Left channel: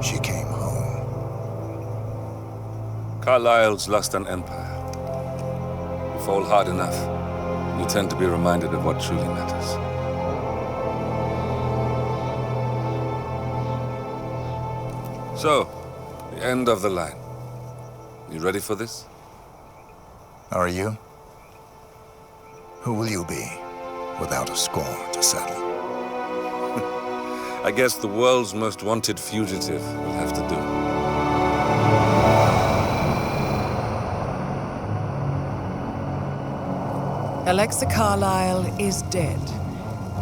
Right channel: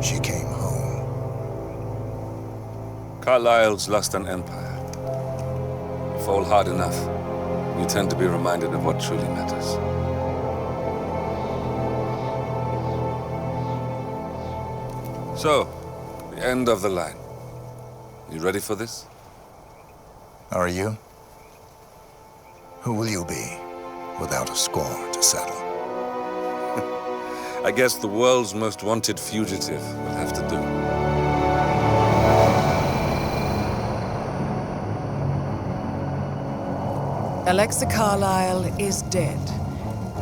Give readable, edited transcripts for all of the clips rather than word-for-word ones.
she came home. Carlisle's lost an empire. You fall hard enough, you tend to be reminded of what truly matters. So, the end of the line. You ready for this? Are you? Who will you be, without a score to settle? I guess the world's most wanted fugitive will have to do. Alexa Carlisle is dead.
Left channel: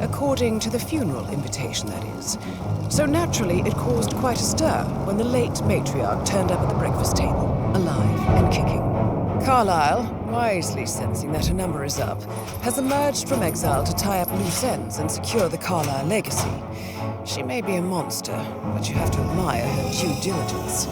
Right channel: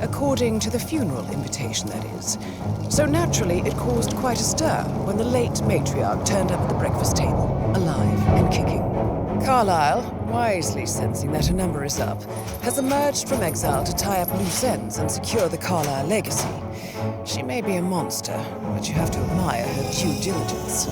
According to the funeral invitation, that is. So naturally, it caused quite a stir when the late matriarch turned up at the breakfast table, alive and kicking. Carlisle, wisely sensing that her number is up, has emerged from exile to tie up loose ends and secure the Carlisle legacy. She may be a monster, but you have to admire her due diligence.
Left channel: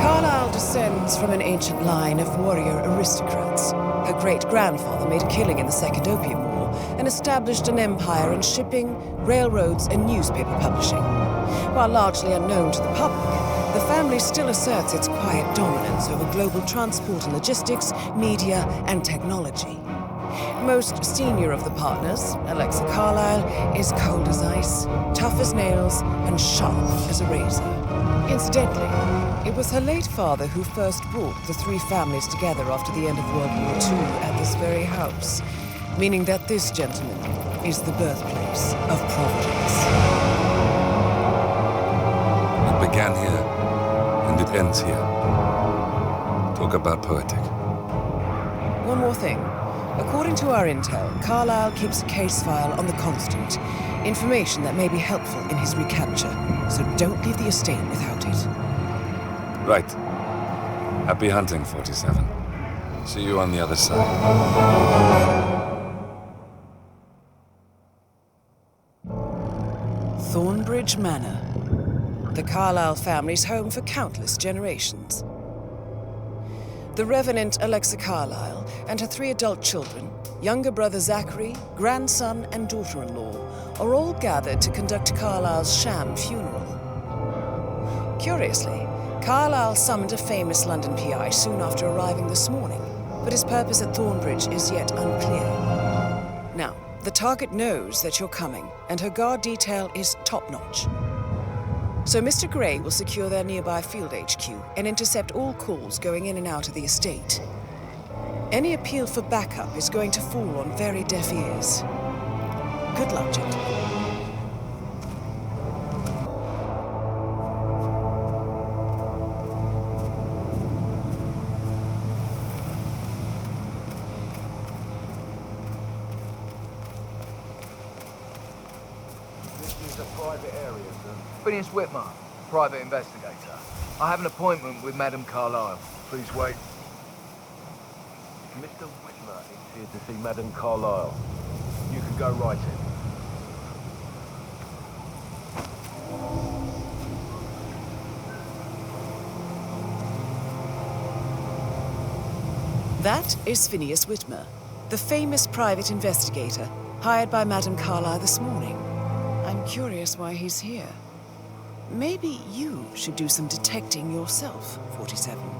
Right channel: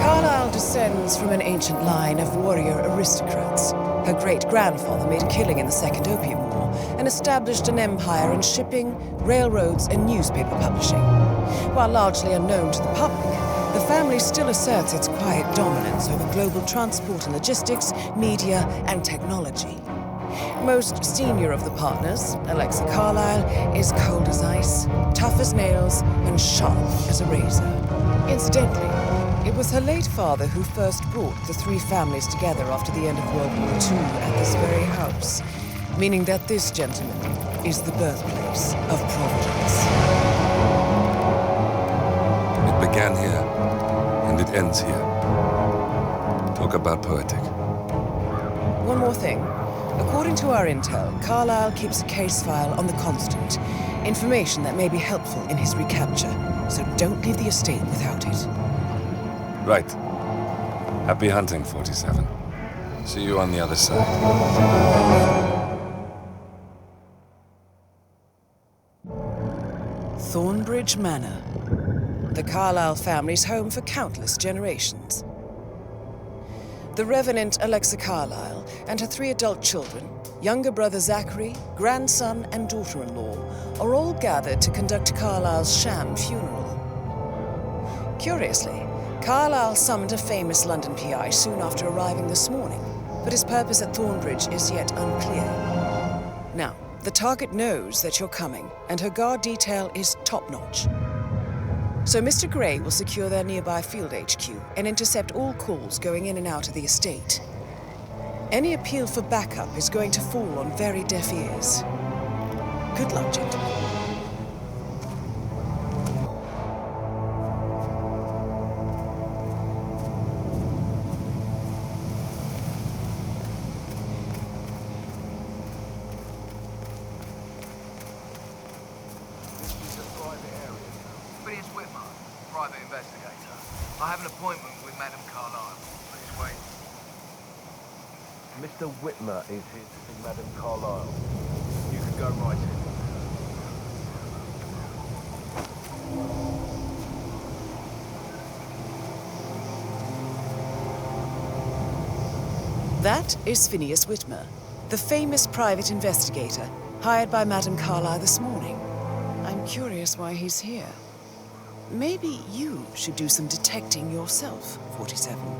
Carlisle descends from an ancient line of warrior aristocrats. Her great-grandfather made a killing in the Second Opium War and established an empire in shipping, railroads, and newspaper publishing. While largely unknown to the public, the family still asserts its quiet dominance over global transport and logistics, media, and technology. Most senior of the partners, Alexa Carlisle, is cold as ice, tough as nails, and sharp as a razor. Incidentally, it was her late father who first brought the three families together after the end of World War II at this very house, meaning that this gentleman is the birthplace of Providence. It began here, and it ends here. Talk about poetic. One more thing. According to our intel, Carlisle keeps a case file on the Constant. Information that may be helpful in his recapture, so don't leave the estate without it. Right. Happy hunting, 47. See you on the other side. Thornbridge Manor. The Carlisle family's home for countless generations. The Revenant Alexa Carlisle and her 3 adult children, younger brother Zachary, grandson, and daughter-in-law, are all gathered to conduct Carlisle's sham funeral. Curiously, Carlisle summoned a famous London PI soon after arriving this morning, but his purpose at Thornbridge is yet unclear. Now, the target knows that you're coming, and her guard detail is top-notch. So Mr. Gray will secure their nearby field HQ and intercept all calls going in and out of the estate. Any appeal for backup is going to fall on very deaf ears. Good luck, gentlemen. This is a private area, sir. Providence Whitmer, private investigator. I have an appointment with Madame Carlisle. Please wait. Mr. Whitmer is here to see Madame Carlisle. You can go right in. That is Phineas Whitmer, the famous private investigator hired by Madame Carlisle this morning. I'm curious why he's here. Maybe you should do some detecting yourself, 47.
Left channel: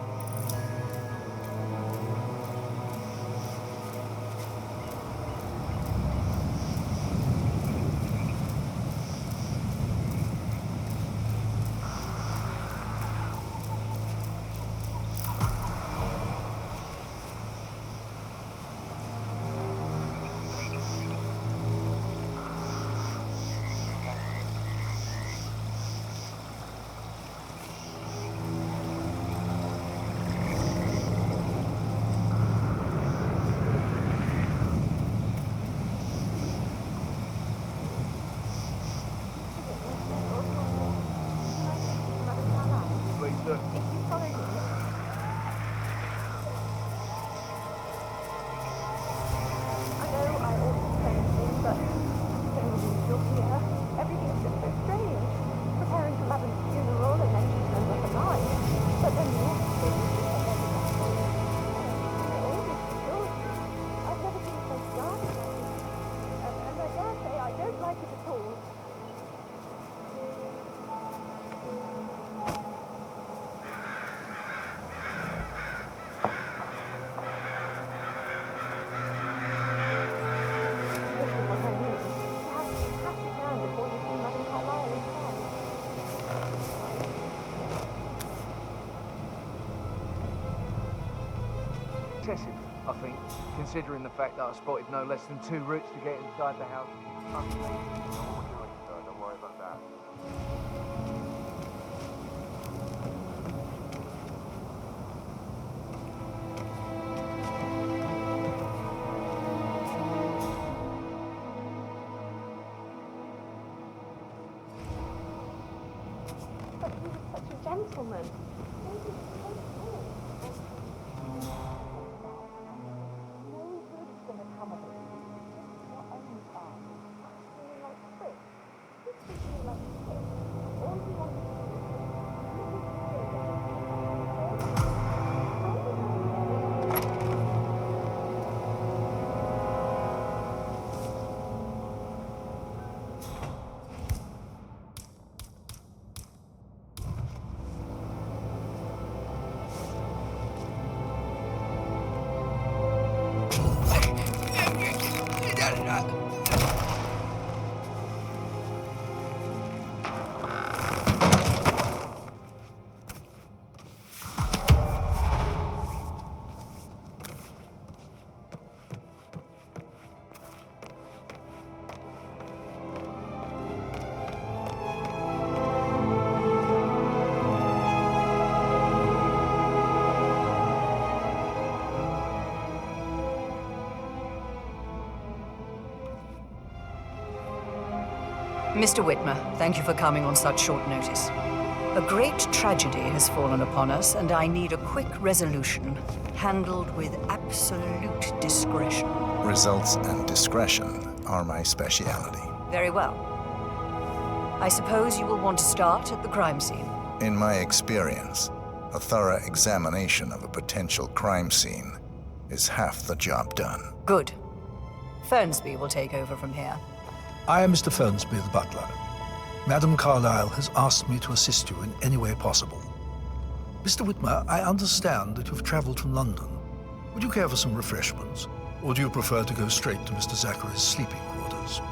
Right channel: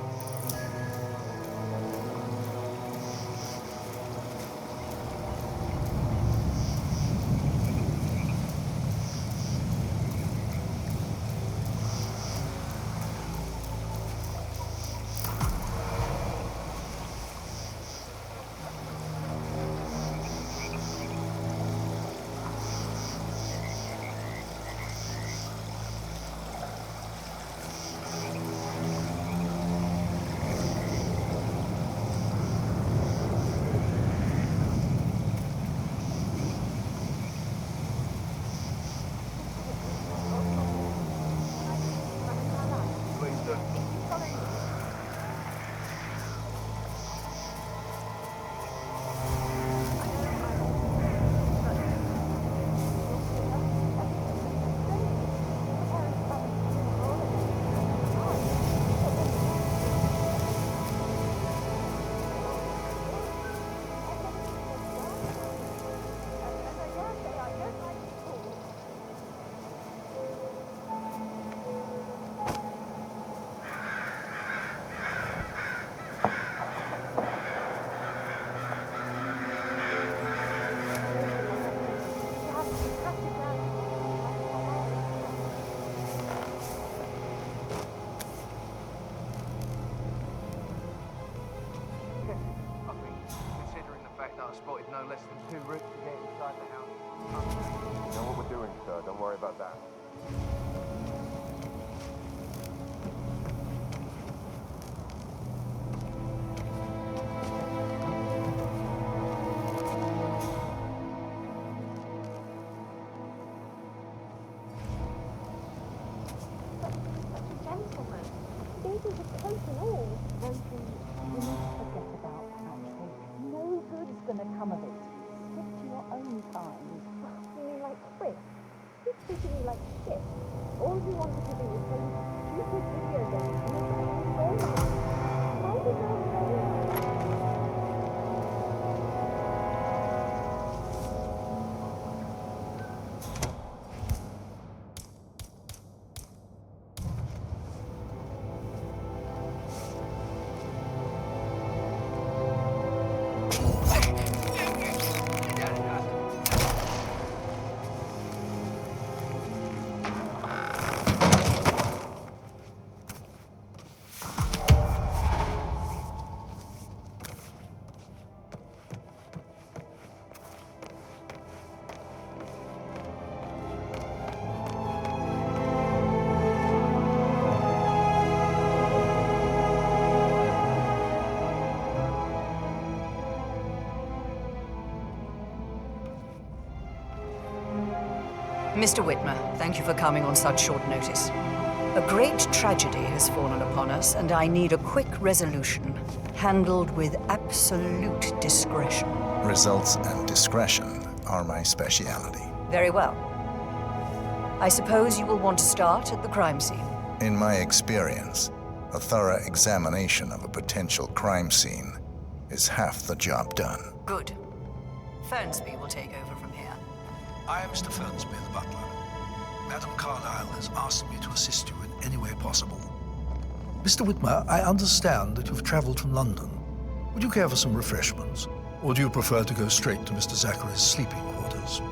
excessive, I think, considering the fact that I spotted no less than 2 routes to get inside the house unseen. I know what we're doing, sir. Don't worry about that. But he was such a gentleman. He was just sensible. And you need to forget about that. No good's gonna come of it. Just your own time. Acting like Fritz. He's treating you like shit. All he wants to do is send you to video games. How did you Mr. Whitmer, thank you for coming on such short notice. A great tragedy has fallen upon us, and I need a quick resolution, handled with absolute discretion. Results and discretion are my speciality. Very well. I suppose you will want to start at the crime scene. In my experience, a thorough examination of a potential crime scene is half the job done. Good. Fernsby will take over from here. I am Mr. Fernsby, the butler. Madam Carlisle has asked me to assist you in any way possible. Mr. Whitmer, I understand that you've traveled from London. Would you care for some refreshments? Or do you prefer to go straight to Mr. Zachary's sleeping quarters?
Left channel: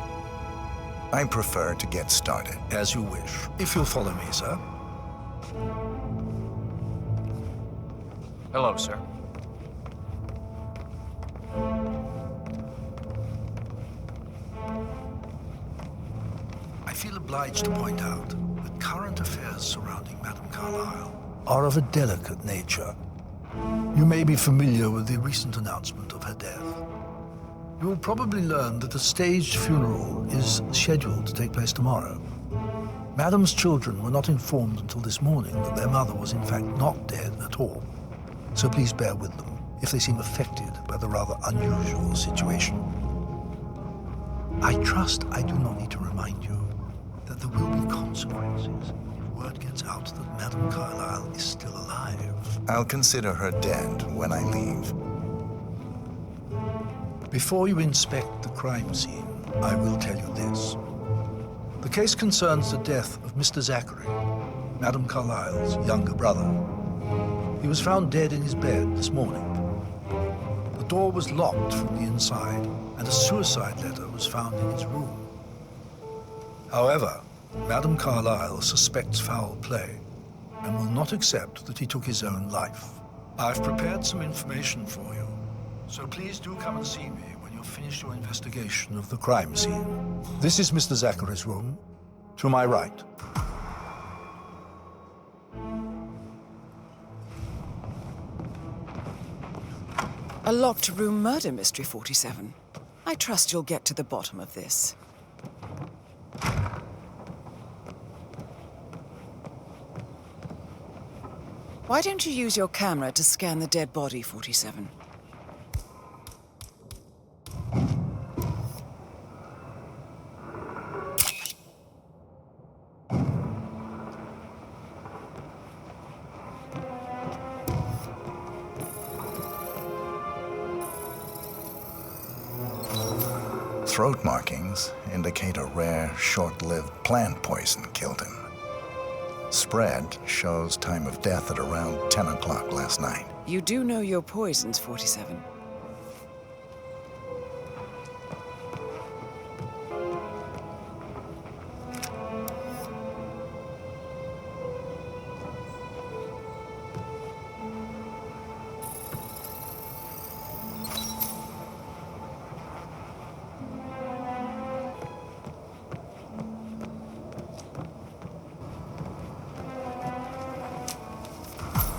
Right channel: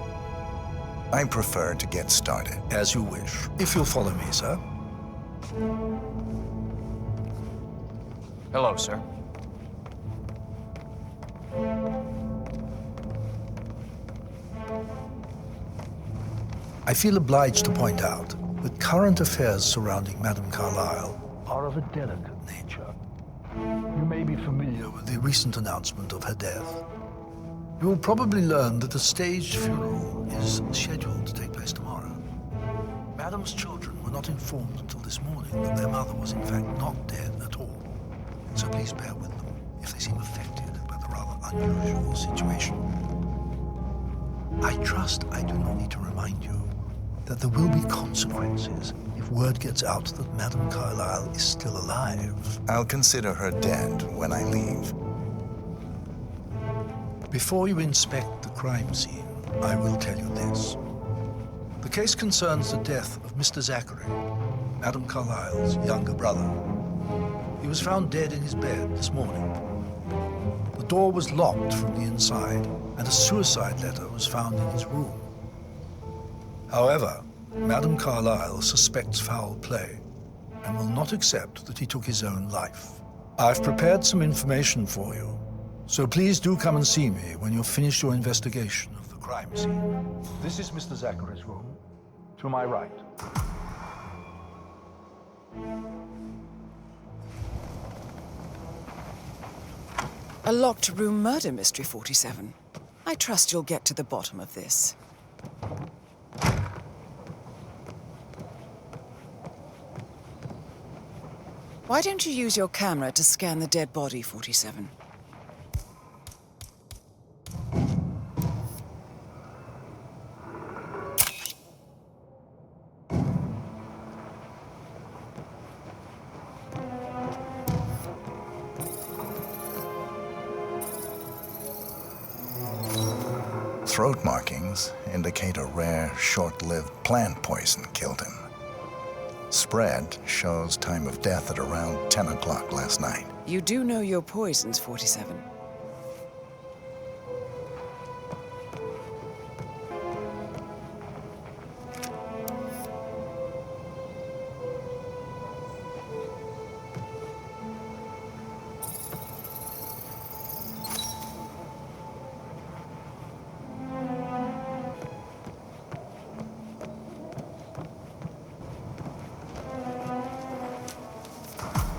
I prefer to get started. As you wish. If you'll follow me, sir. Hello, sir. I feel obliged to point out that current affairs surrounding Madame Carlisle are of a delicate nature. You may be familiar with the recent announcement of her death. You will probably learn that a staged funeral is scheduled to take place tomorrow. Madame's children were not informed until this morning that their mother was in fact not dead at all. So please bear with them if they seem affected by the rather unusual situation. I trust I do not need to remind you that there will be consequences if word gets out that Madame Carlisle is still alive. I'll consider her dead when I leave. Before you inspect the crime scene, I will tell you this. The case concerns the death of Mr. Zachary, Madame Carlisle's younger brother. He was found dead in his bed this morning. The door was locked from the inside, and a suicide letter was found in his room. However, Madame Carlisle suspects foul play and will not accept that he took his own life. I've prepared some information for you, so please do come and see me when you've finished your investigation of the crime scene. This is Mr. Zachary's room, to my right. A locked room murder mystery, 47. I trust you'll get to the bottom of this. Why don't you use your camera to scan the dead body, 47? Throat markings indicate a rare, short-lived plant poison killed him. Spread shows time of death at around 10 o'clock last night. You do know your poisons, 47.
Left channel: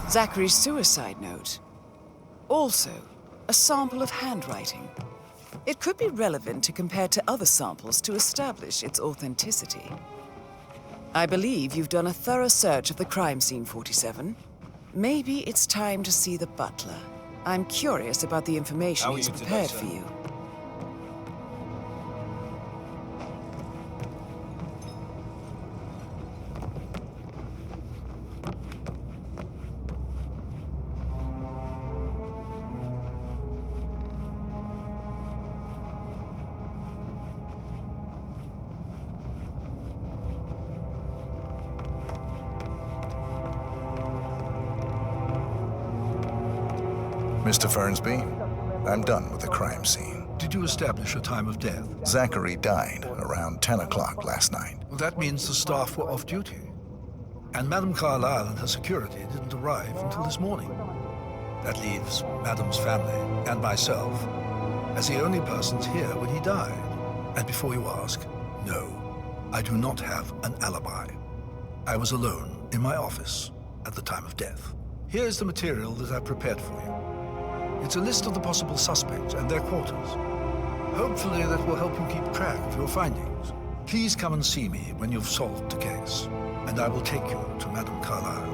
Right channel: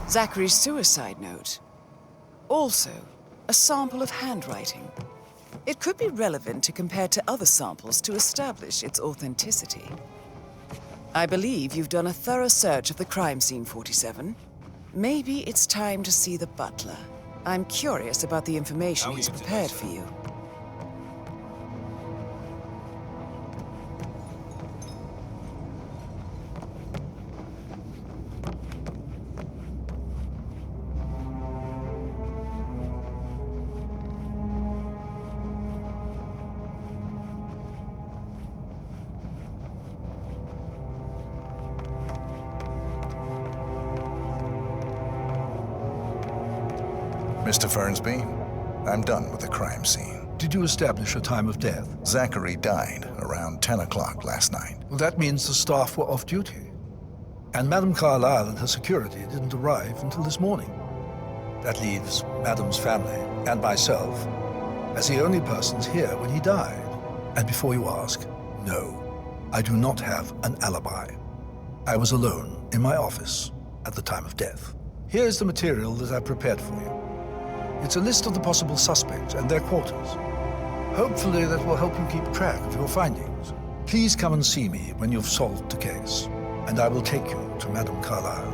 Zachary's suicide note. Also, a sample of handwriting. It could be relevant to compare to other samples to establish its authenticity. I believe you've done a thorough search of the crime scene, 47. Maybe it's time to see the butler. I'm curious about the information he's prepared for you. Mr. Fernsby, I'm done with the crime scene. Did you establish a time of death? Zachary died around 10 o'clock last night. Well, that means the staff were off duty. And Madame Carlisle and her security didn't arrive until this morning. That leaves Madame's family and myself as the only persons here when he died. And before you ask, no, I do not have an alibi. I was alone in my office at the time of death. Here's the material that I've prepared for you. It's a list of the possible suspects and their quarters. Hopefully that will help you keep track of your findings. Please come and see me when you've solved the case, and I will take you to Madame Carlisle.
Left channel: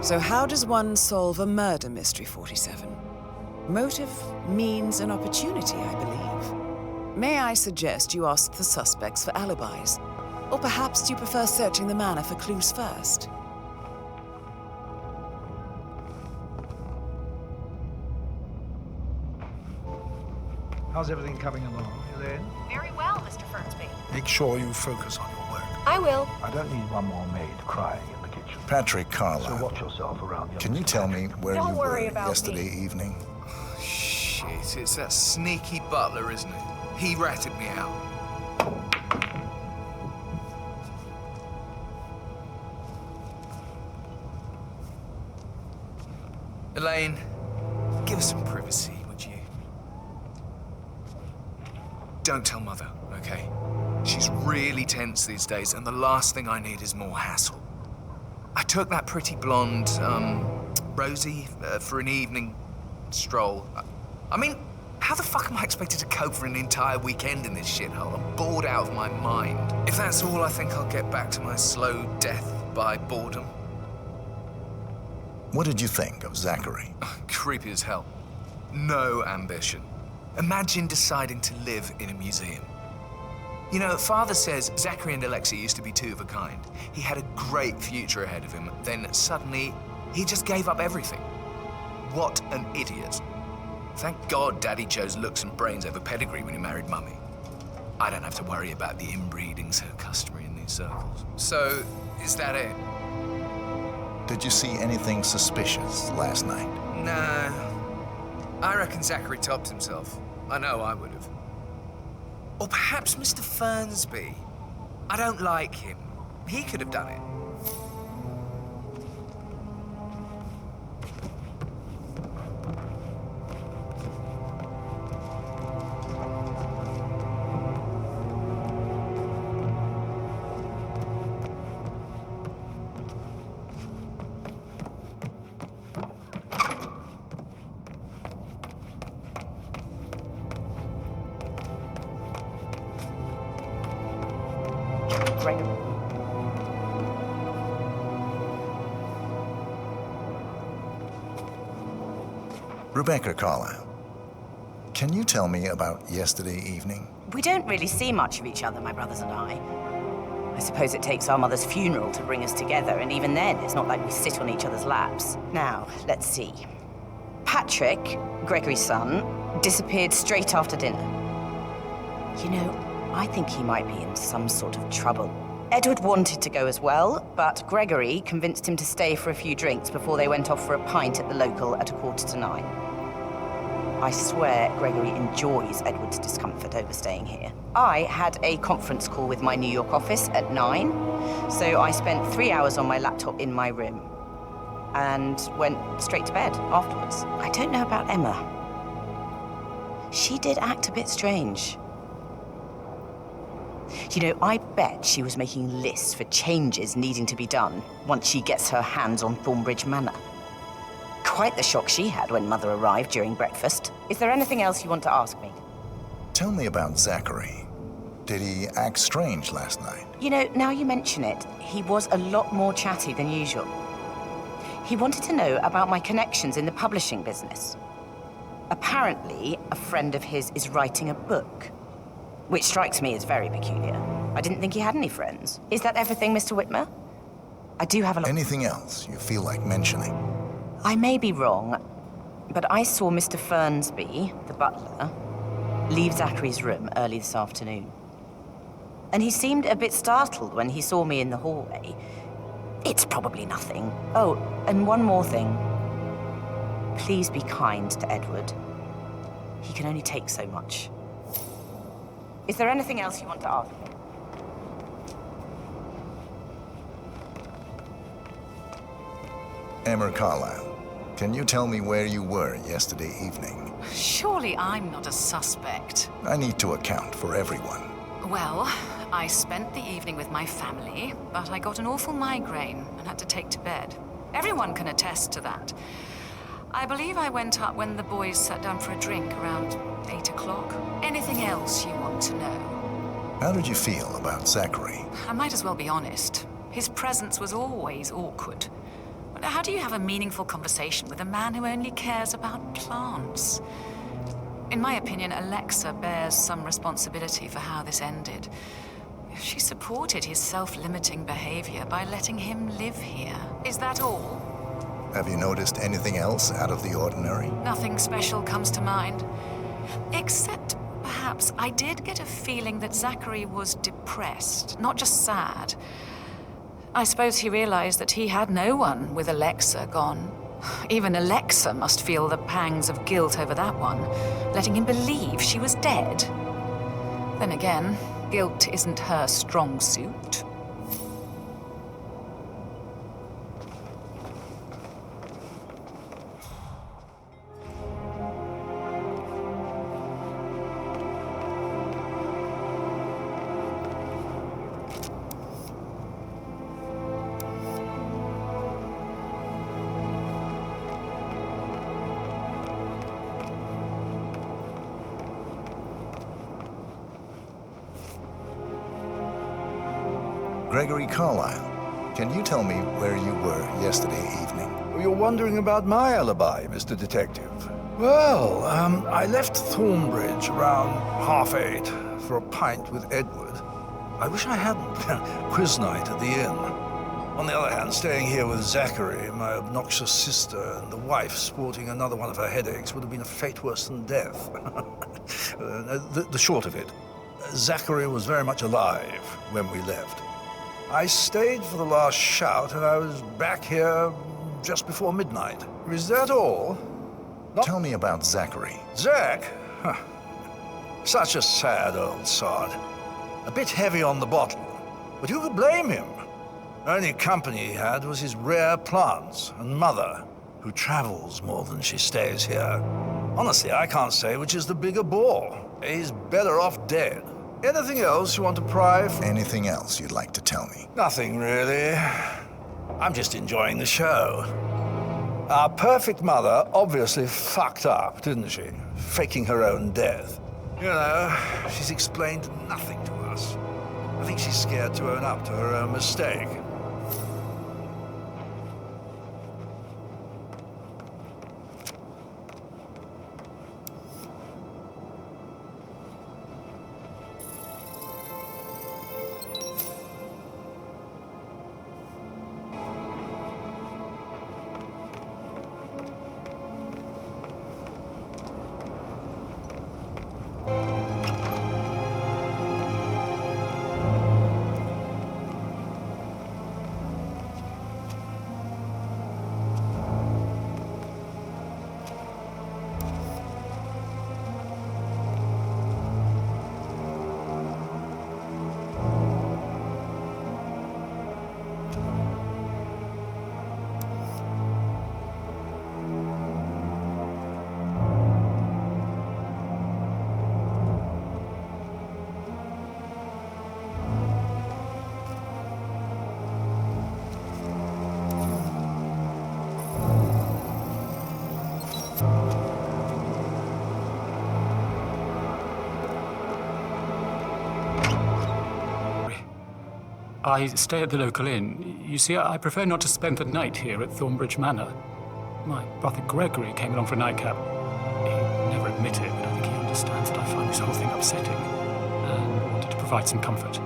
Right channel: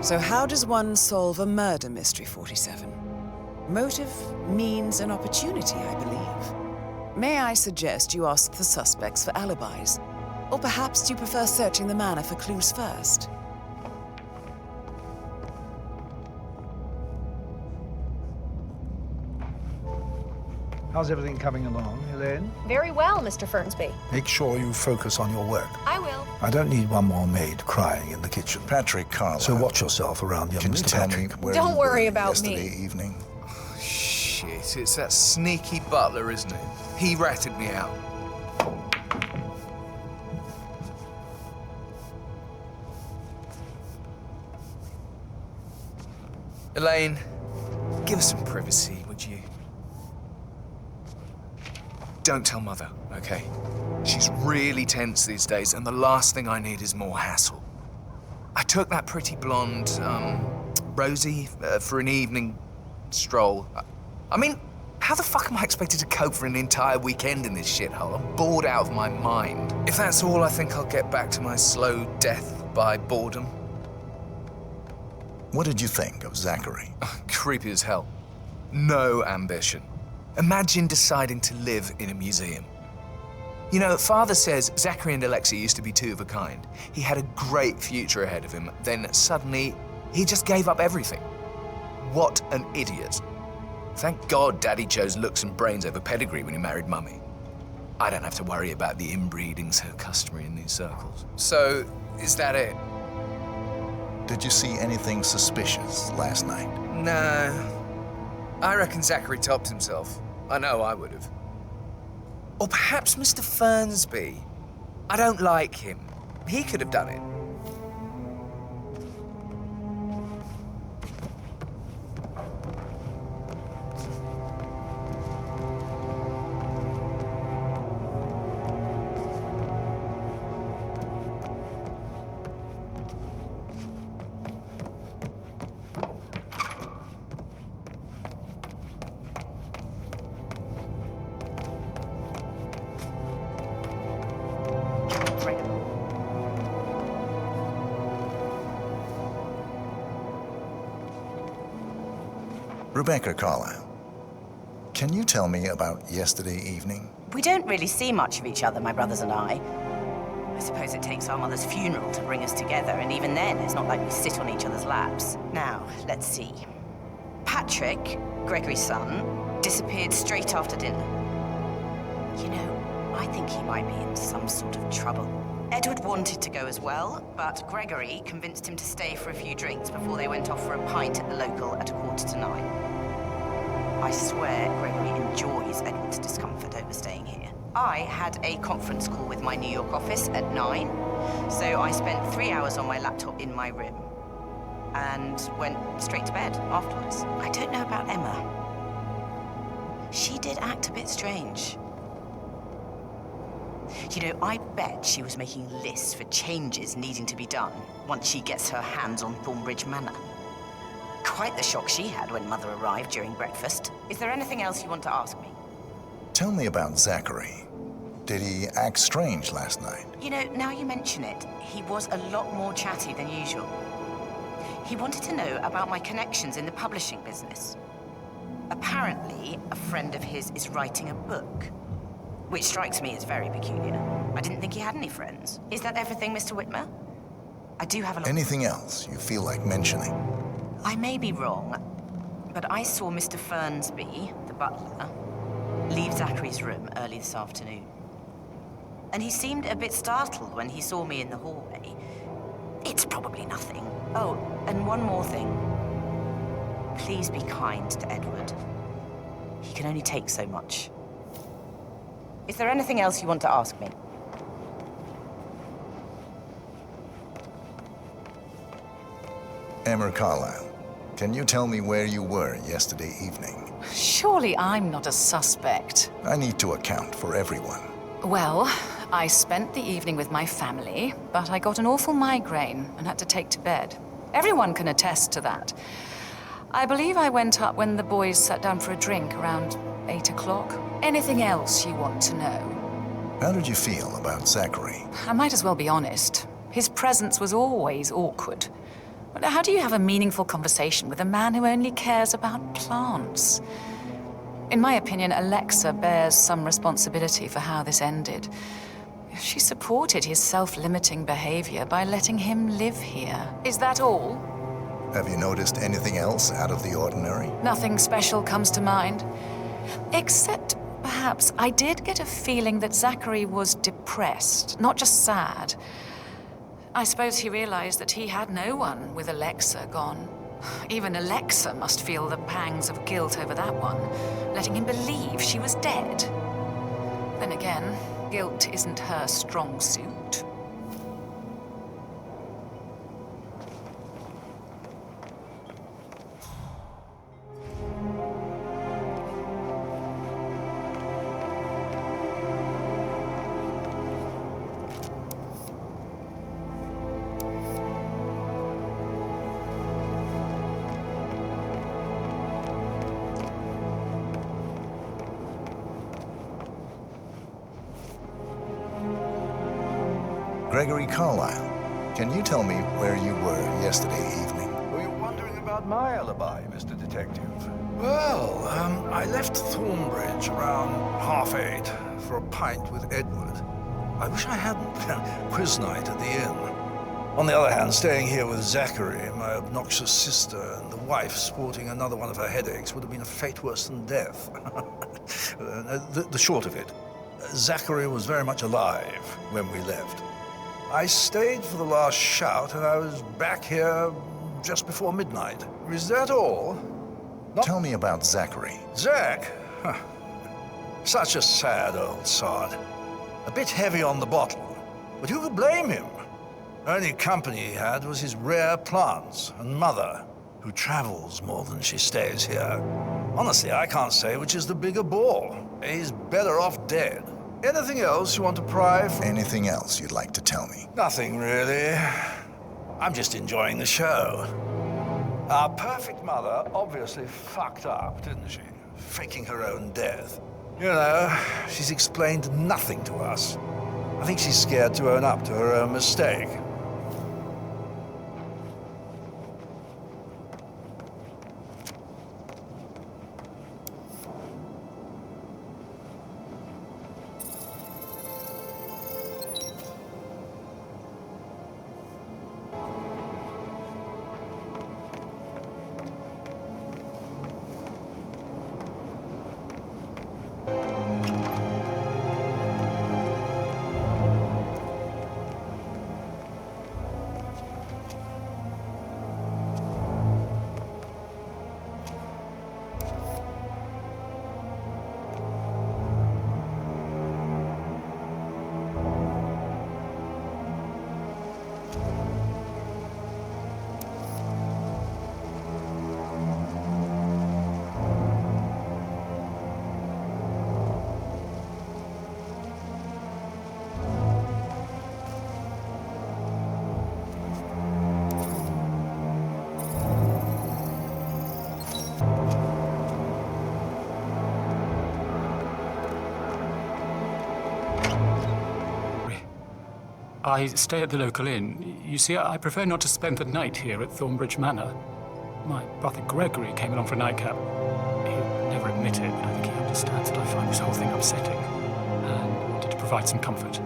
So how does one solve a murder mystery, 47? Motive, means, and opportunity, I believe. May I suggest you ask the suspects for alibis? Or perhaps do you prefer searching the manor for clues first? How's everything coming along, Elaine? Very well, Mr. Fernsby. Make sure you focus on your work. I will. I don't need one more maid crying in the kitchen. Patrick Carlisle. So watch yourself around the Can you tell me where Don't you were worry about yesterday me. evening? Shit, it's that sneaky butler, isn't it? He ratted me out. Elaine, give us some privacy, would you? Don't tell Mother, okay? She's really tense these days, and the last thing I need is more hassle. I took that pretty blonde, Rosie, for an evening stroll. I mean, how the fuck am I expected to cope for an entire weekend in this shithole? I'm bored out of my mind. If that's all, I think I'll get back to my slow death by boredom. What did you think of Zachary? Creepy as hell. No ambition. Imagine deciding to live in a museum. You know, Father says Zachary and Alexa used to be two of a kind. He had a great future ahead of him, then suddenly he just gave up everything. What an idiot. Thank God Daddy chose looks and brains over pedigree when he married Mummy. I don't have to worry about the inbreeding so customary in these circles. So, is that it? Did you see anything suspicious last night? No. I reckon Zachary topped himself. I know I would have. Or perhaps Mr. Fernsby. I don't like him. He could have done it. Rebecca Carlisle, can you tell me about yesterday evening? We don't really see much of each other, my brothers and I. I suppose it takes our mother's funeral to bring us together, and even then, it's not like we sit on each other's laps. Now, let's see. Patrick, Gregory's son, disappeared straight after dinner. You know, I think he might be in some sort of trouble. Edward wanted to go as well, but Gregory convinced him to stay for a few drinks before they went off for a pint at the local at 9:15. I swear Gregory enjoys Edward's discomfort over staying here. I had a conference call with my New York office at 9, so I spent 3 hours on my laptop in my room and went straight to bed afterwards. I don't know about Emma. She did act a bit strange. You know, I bet she was making lists for changes needing to be done once she gets her hands on Thornbridge Manor. Quite the shock she had when Mother arrived during breakfast. Is there anything else you want to ask me? Tell me about Zachary. Did he act strange last night? You know, now you mention it, he was a lot more chatty than usual. He wanted to know about my connections in the publishing business. Apparently, a friend of his is writing a book, which strikes me as very peculiar. I didn't think he had any friends. Is that everything, Mr. Whitmer? I do have a lot... Anything else you feel like mentioning? I may be wrong, but I saw Mr. Fernsby, the butler, leave Zachary's room early this afternoon. And he seemed a bit startled when he saw me in the hallway. It's probably nothing. Oh, and one more thing. Please be kind to Edward. He can only take so much. Is there anything else you want to ask me? Emma Carlisle, can you tell me where you were yesterday evening? Surely I'm not a suspect. I need to account for everyone. Well, I spent the evening with my family, but I got an awful migraine and had to take to bed. Everyone can attest to that. I believe I went up when the boys sat down for a drink around 8 o'clock. Anything else you want to know? How did you feel about Zachary? I might as well be honest. His presence was always awkward. But how do you have a meaningful conversation with a man who only cares about plants? In my opinion, Alexa bears some responsibility for how this ended. She supported his self-limiting behavior by letting him live here. Is that all? Have you noticed anything else out of the ordinary? Nothing special comes to mind. Except, perhaps, I did get a feeling that Zachary was depressed, not just sad. I suppose he realized that he had no one with Alexa gone. Even Alexa must feel the pangs of guilt over that one, letting him believe she was dead. Then again, guilt isn't her strong suit. Gregory Carlisle, can you tell me where you were yesterday evening? Oh, you're wondering about my alibi, Mr. Detective. Well, I left Thornbridge around 8:30 for a pint with Edward. I wish I hadn't. Quiz night at the inn. On the other hand, staying here with Zachary, my obnoxious sister, and the wife sporting another one of her headaches would have been a fate worse than death. The short of it, Zachary was very much alive when we left. I stayed for the last shout, and I was back here just before midnight. Is that all? Tell me about Zachary. Zach? Huh. Such a sad old sod. A bit heavy on the bottle, but who could blame him? Only company he had was his rare plants and Mother, who travels more than she stays here. Honestly, I can't say which is the bigger bore. He's better off dead. Anything else you want to pry from? Anything else you'd like to tell me? Nothing, really. I'm just enjoying the show. Our perfect mother obviously fucked up, didn't she? Faking her own death. You know, she's explained nothing to us. I think she's scared to own up to her own mistake. I stay at the local inn. You see, I prefer not to spend the night here at Thornbridge Manor. My brother Gregory came along for a nightcap. He'd never admit it, but I think he understands that I find this whole thing upsetting and wanted to provide some comfort.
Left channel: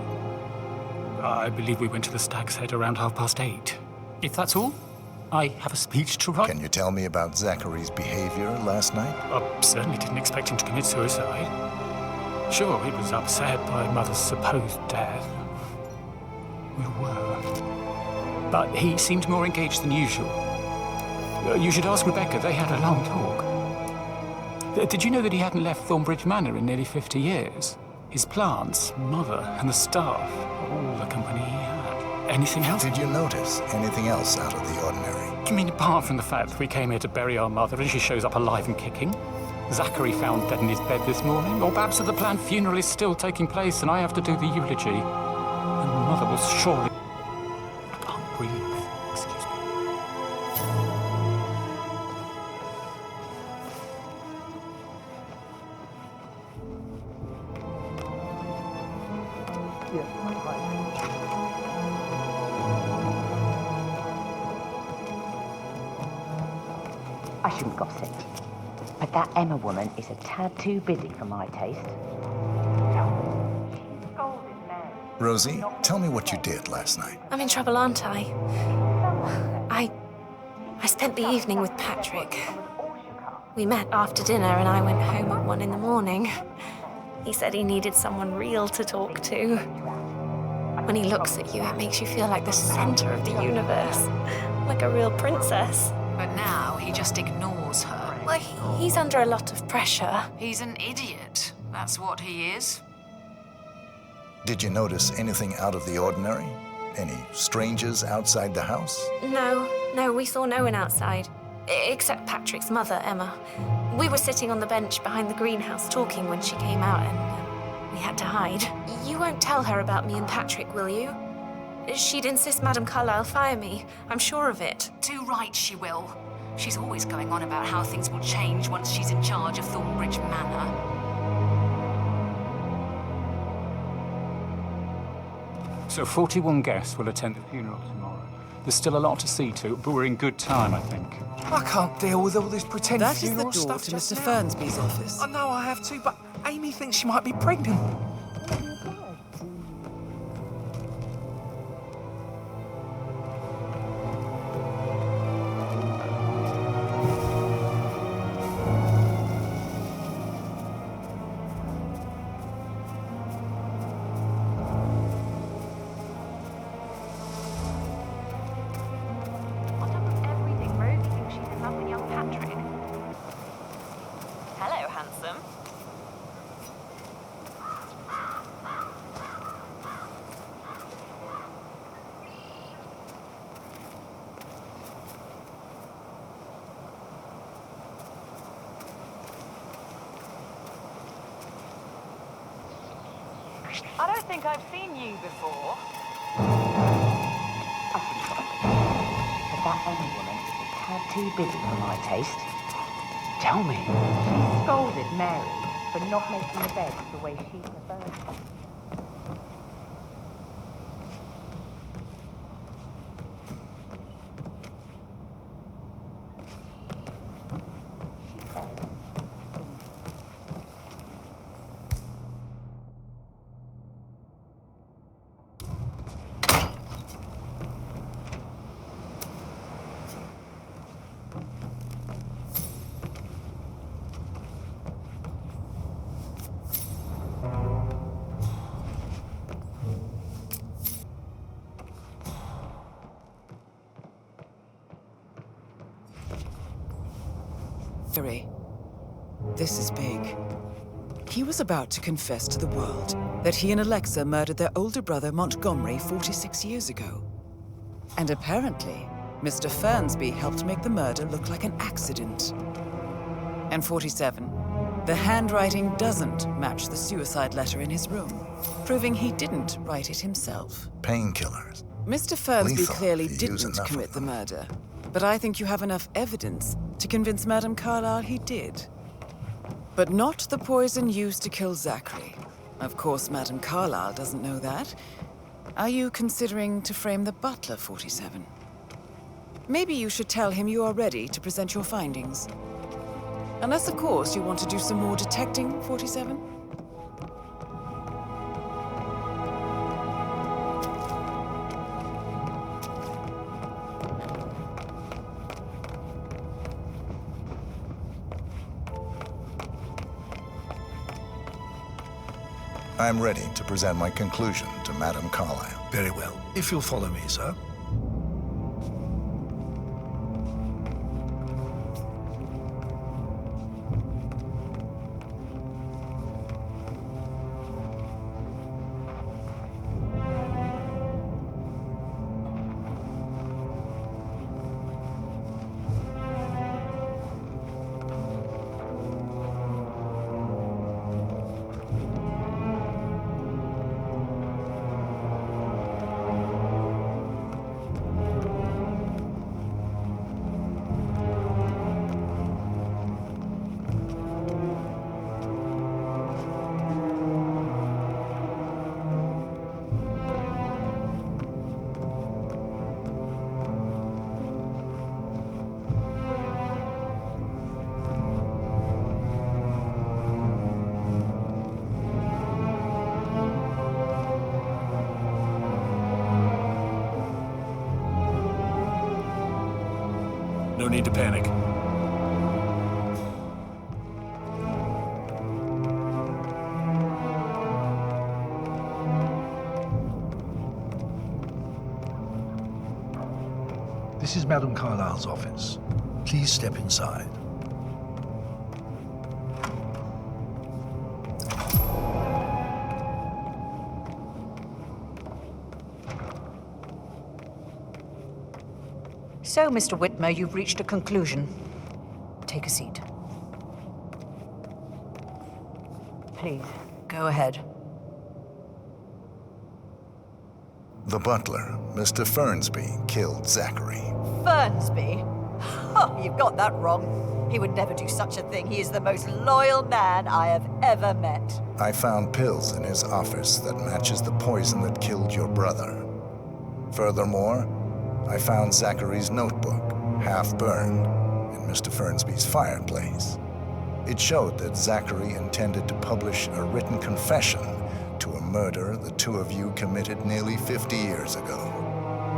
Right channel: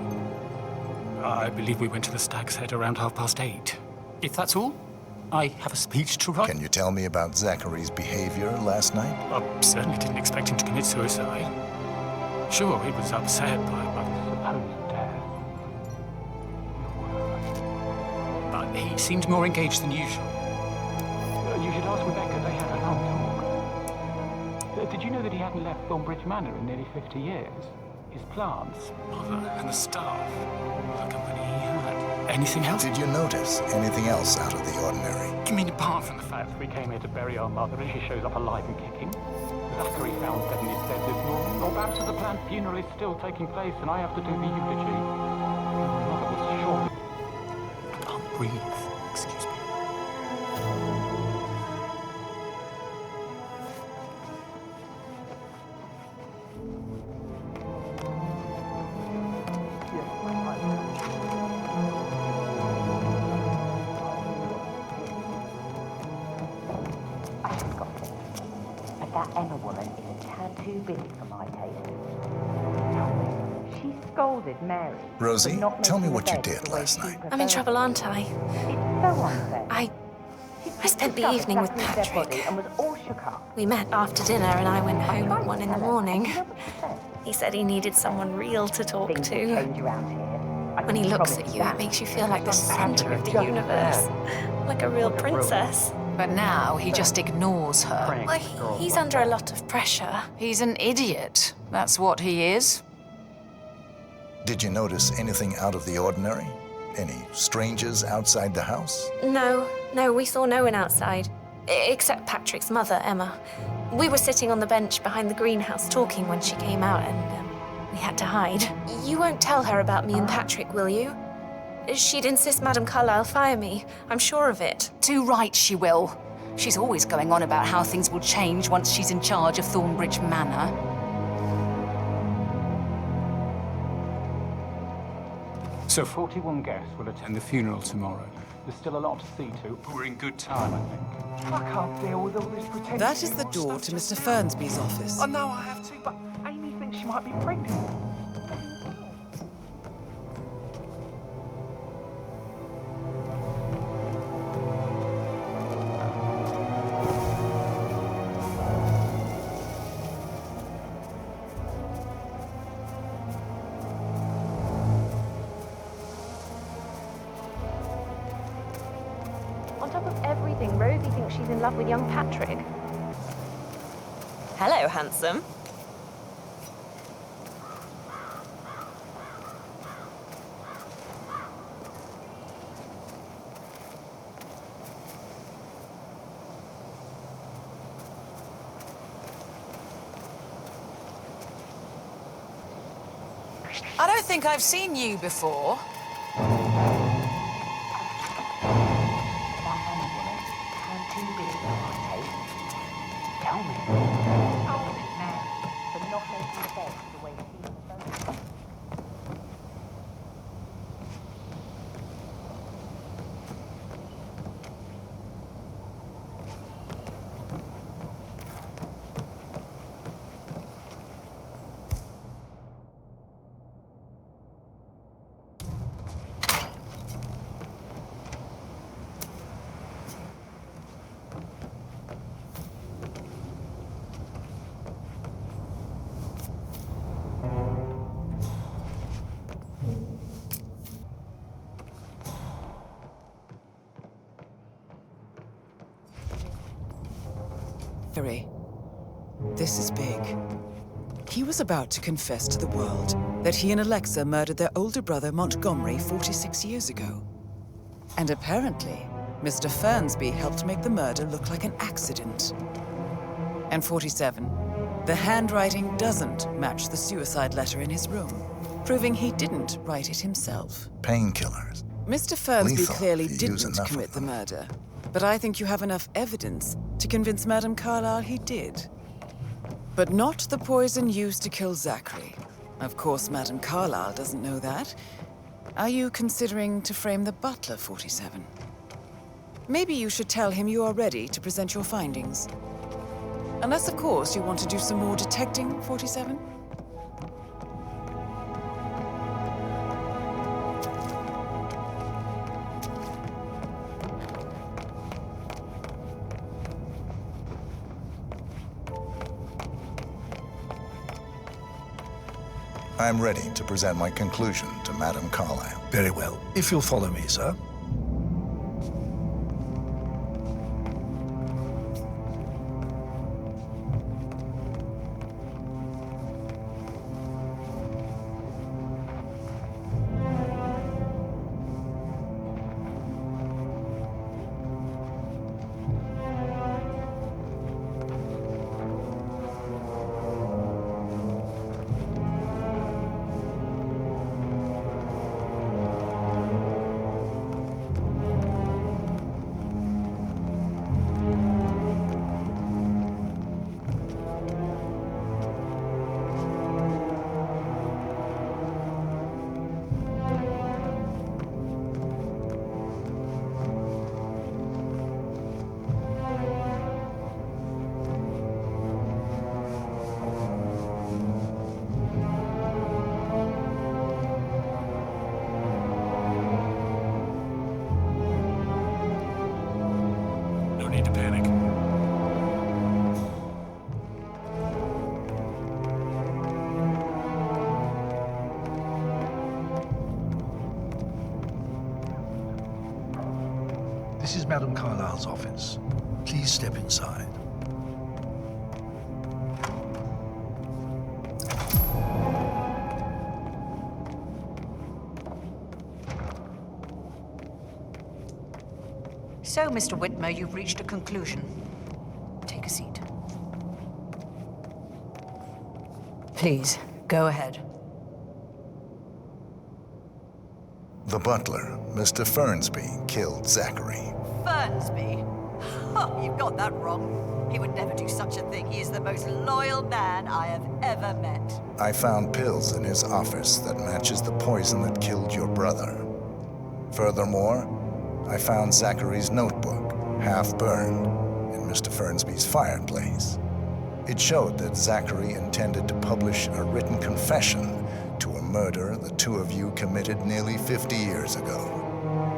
I believe we went to the Stag's Head around 8:30. If that's all, I have a speech to write. Can you tell me about Zachary's behavior last night? I certainly didn't expect him to commit suicide. Sure, he was upset by Mother's supposed death. We were. But he seemed more engaged than usual. You should ask Rebecca. They had a long talk. Did you know that he hadn't left Thornbridge Manor in nearly 50 years? His plants, Mother, and the staff, all the company he had. Anything else? Did you notice anything else out of the ordinary? You mean apart from the fact that we came here to bury our mother and she shows up alive and kicking? Zachary found dead in his bed this morning, or perhaps that the planned funeral is still taking place and I have to do the eulogy. And Mother was surely... I can't breathe. Excuse me. Yes, hi. I shouldn't gossip, but that Emma woman is a tad too busy for my taste. She scolded Mary. Rosie, tell me what you did last night. I'm in trouble, aren't I? I spent the evening with Patrick. We met after dinner and I went home at 1 a.m. He said he needed someone real to talk to. When he looks at you, it makes you feel like the center of the universe, like a real princess. But now he just ignores her. Well, he's under a lot of pressure. He's an idiot. That's what he is. Did you notice anything out of the ordinary? Any strangers outside the house? No, we saw no one outside, except Patrick's mother, Emma. We were sitting on the bench behind the greenhouse talking when she came out and we had to hide. You won't tell her about me and Patrick, will you? She'd insist Madame Carlisle fire me. I'm sure of it. Too right she will. She's always going on about how things will change once she's in charge of Thornbridge Manor. So 41 guests will attend the funeral tomorrow. There's still a lot to see to, but we're in good time, I think. I can't deal with all this pretend That is the funeral door stuff to just Mr. now. Fernsby's office. I know I have to, but Amy thinks she might be pregnant. On top of everything, Rosie thinks she's in love with young Patrick. Hello, handsome. I don't think I've seen you before. That Emma woman is a tad too busy for my taste. Tell me. Scolded Mary for not making bed the way she preferred. Zachary, this is big. He was about to confess to the world that he and Alexa murdered their older brother Montgomery 46 years ago. And apparently, Mr. Fernsby helped make the murder look like an accident. And 47, the handwriting doesn't match the suicide letter in his room, proving he didn't write it himself. Painkillers. Mr. Fernsby Lethal clearly if you use didn't enough of commit the them. murder, but I think you have enough evidence to convince Madame Carlisle he did. But not the poison used to kill Zachary. Of course, Madame Carlisle doesn't know that. Are you considering to frame the butler, 47? Maybe you should tell him you are ready to present your findings. Unless, of course, you want to do some more detecting, 47? I'm ready to present my conclusion to Madame Carlisle. Very well. If you'll follow me, sir. No need to panic. This is Madame Carlisle's office. Please step inside. So, Mr. Whitmer, you've reached a conclusion. Take a seat. Please, go ahead. The butler, Mr. Fernsby, killed Zachary. Fernsby? Oh, you've got that wrong. He would never do such a thing. He is the most loyal man I have ever met. I found pills in his office that matches the poison that killed your brother. Furthermore, I found Zachary's notebook, half burned, in Mr. Fernsby's fireplace. It showed that Zachary intended to publish a written confession to a murder the two of you committed nearly 50 years ago.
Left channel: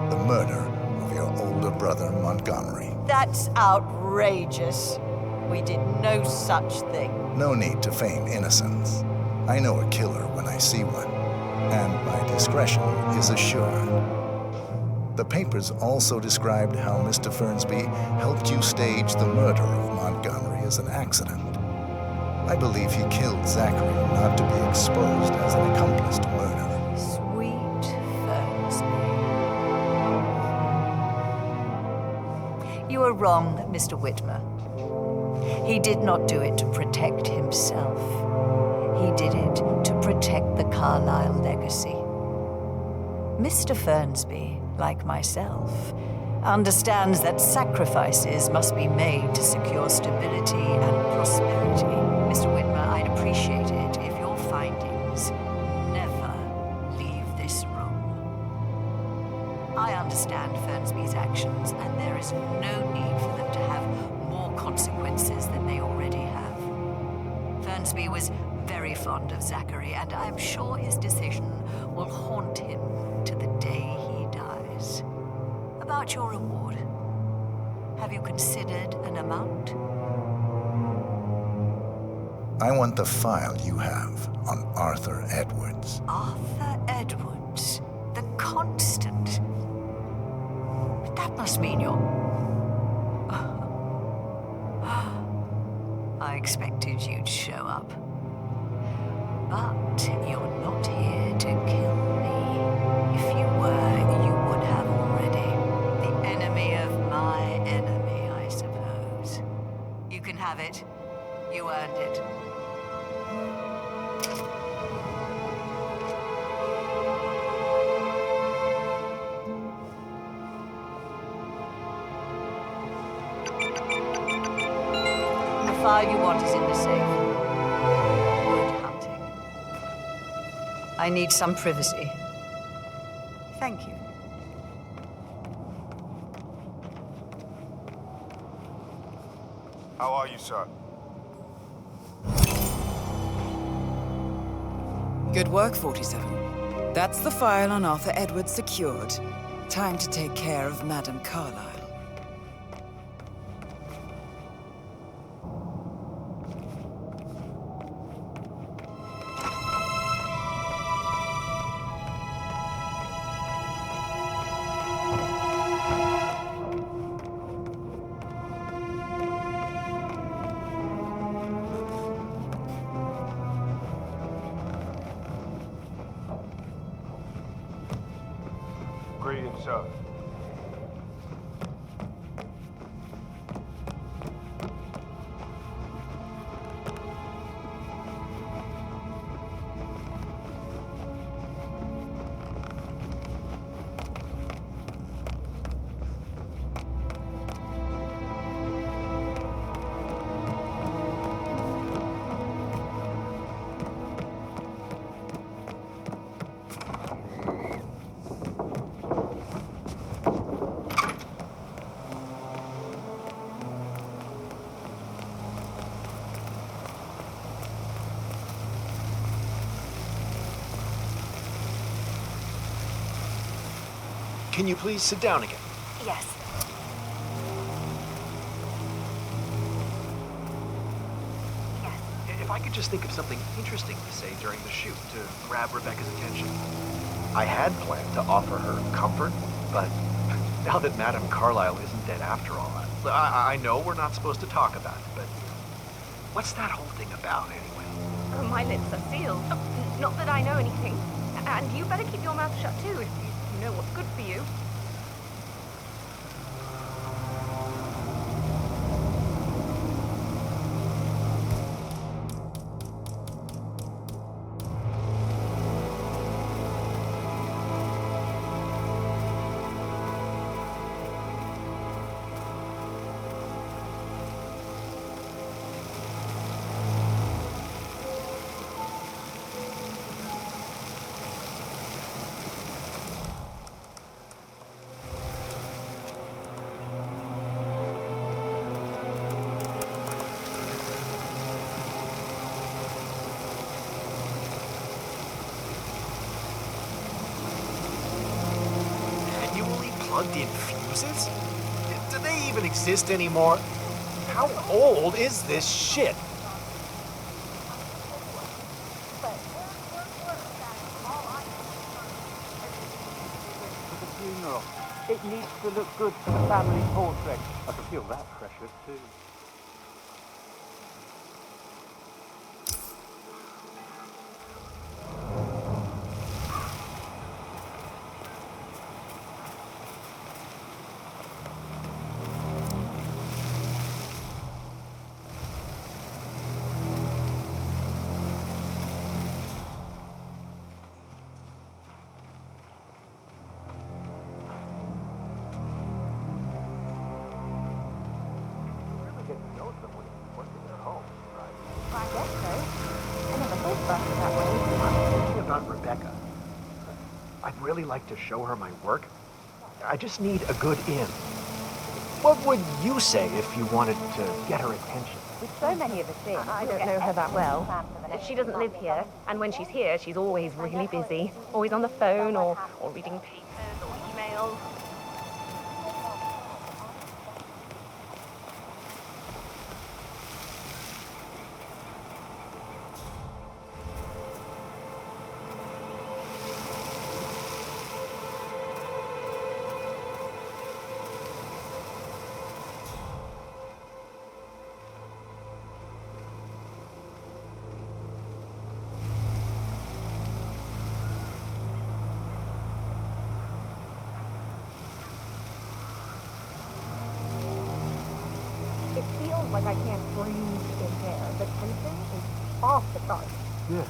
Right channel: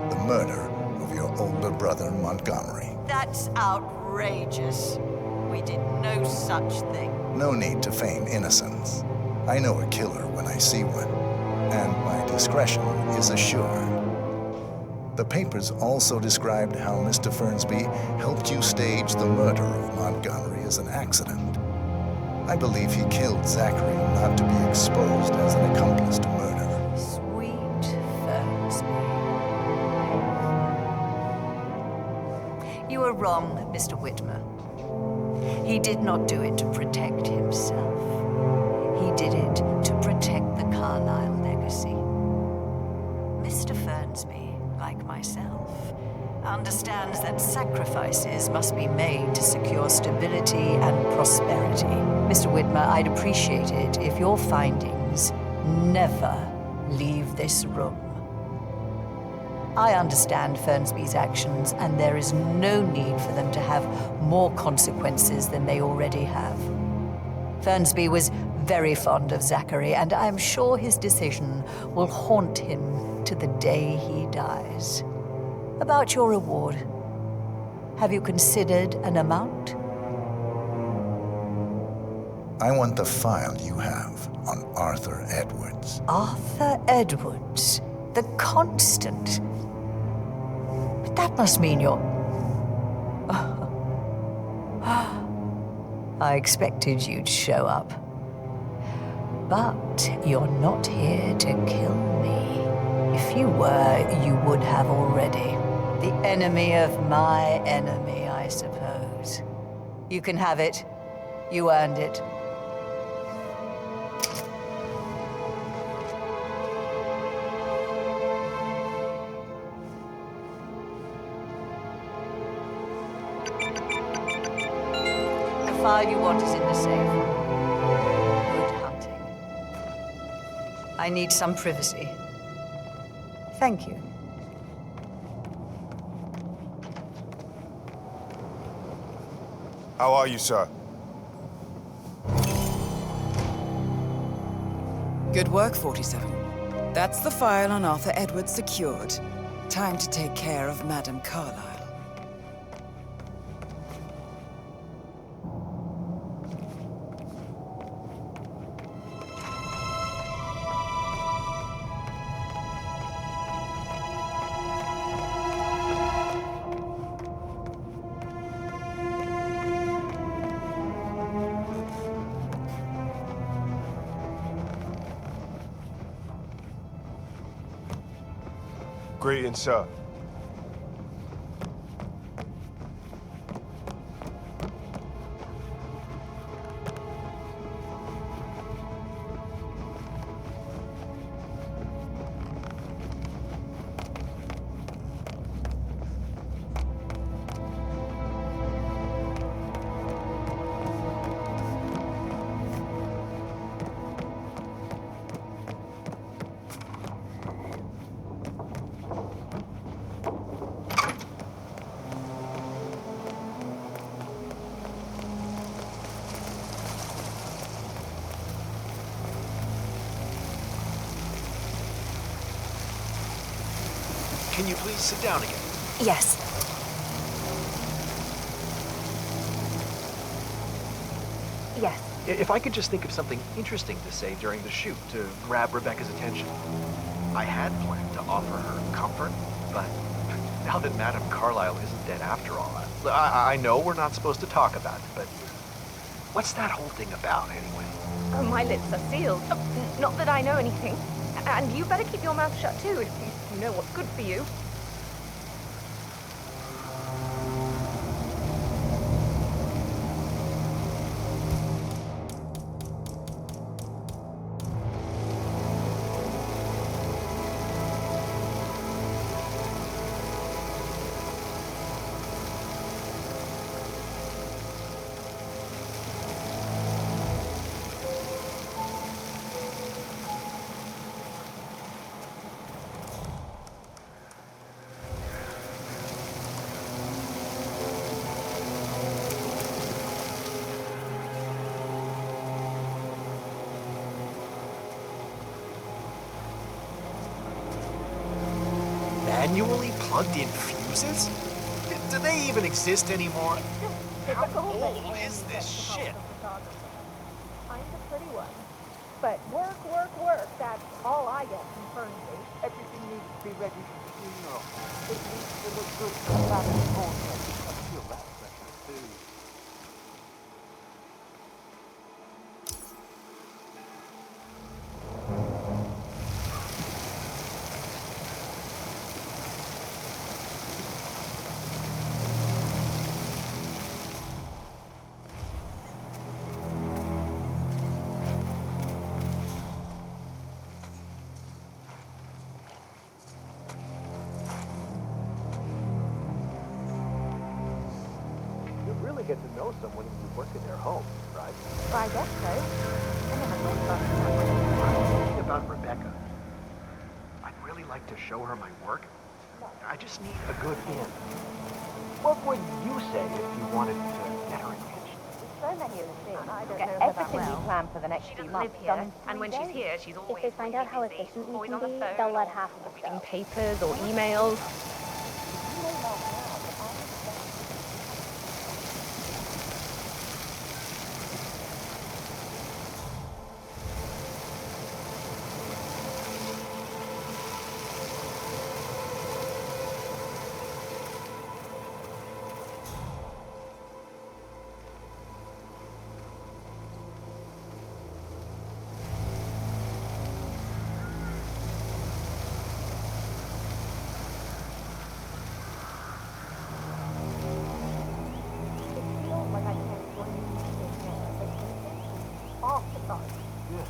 The murder of your older brother, Montgomery. That's outrageous. We did no such thing. No need to feign innocence. I know a killer when I see one, and my discretion is assured. The papers also described how Mr. Fernsby helped you stage the murder of Montgomery as an accident. I believe he killed Zachary not to be exposed as an accomplice to murder. Sweet Fernsby. You are wrong, Mr. Whitmer. He did not do it to protect himself. He did it to protect the Carlisle legacy. Mr. Fernsby, like myself, understands that sacrifices must be made to secure stability and prosperity. Mr. Whitmer, I'd appreciate it if your findings never leave this room. I understand Fernsby's actions, and there is no need for them to have more consequences than they already have. Fernsby was very fond of Zachary, and I am sure his decision will haunt him to the day he dies. About your reward, have you considered an amount? I want the file you have on Arthur Edwards. Arthur Edwards, the Constant. But that must mean you're... I expected you'd show up. But you're not here to kill me. If you were, you would have already. The enemy of my enemy, I suppose. You can have it. You earned it. The file you want is in the safe. Good hunting. I need some privacy. Thank you. How are you, sir? Good work, 47. That's the file on Arthur Edwards secured. Time to take care of Madame Carlisle. Greetings, sir. Can you please sit down again? Yes. Yes. If I could just think of something interesting to say during the shoot to grab Rebecca's attention. I had planned to offer her comfort, but now that Madame Carlisle isn't dead after all, I know we're not supposed to talk about it, but what's that whole thing about anyway? Oh, my lips are sealed. Not that I know anything. And you better keep your mouth shut too, if you know what's good for you. Manually plugged in fuses? Do they even exist anymore? How old is this shit? But work, that's all I get from Thursday. Everything needs to be ready for the funeral. It needs to look good for the family portrait. I feel that pressure too. Get to know someone who works in their home, right? I guess so. I never thought about it that way. I'm thinking about Rebecca. I'd really like to show her my work. I just need a good in. What would you say if you wanted to get her attention? So many of the things. I don't know her that well. But she doesn't live here, and when she's here, she's always really busy. Always on the phone, or reading papers, or emails. Like I can't breathe in here. The breathing is off the charts. Yes,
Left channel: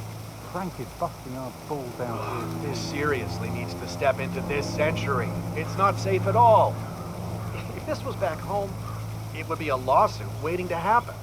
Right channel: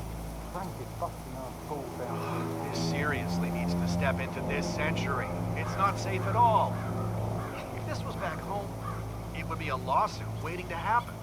Frank is busting our balls down. This seriously needs to step into this century. It's not safe at all. If this was back home, it would be a lawsuit waiting to happen.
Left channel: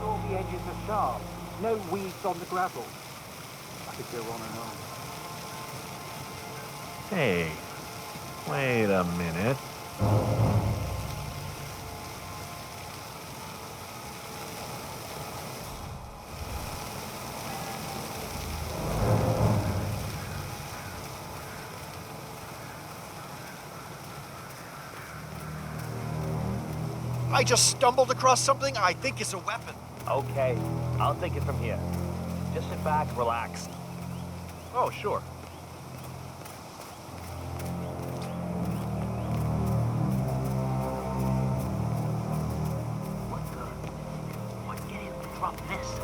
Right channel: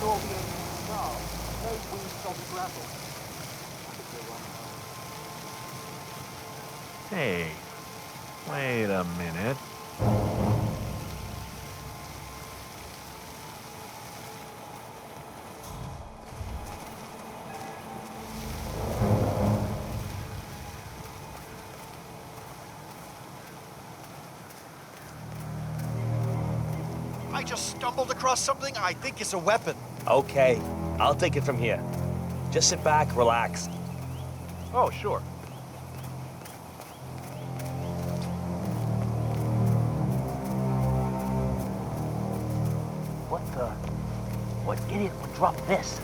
saw the edges of tar. No weeds on the gravel. Hey, wait a minute. I just stumbled across something I think is a weapon. Okay, I'll take it from here. Just sit back, relax. Oh, sure. What idiot would drop this?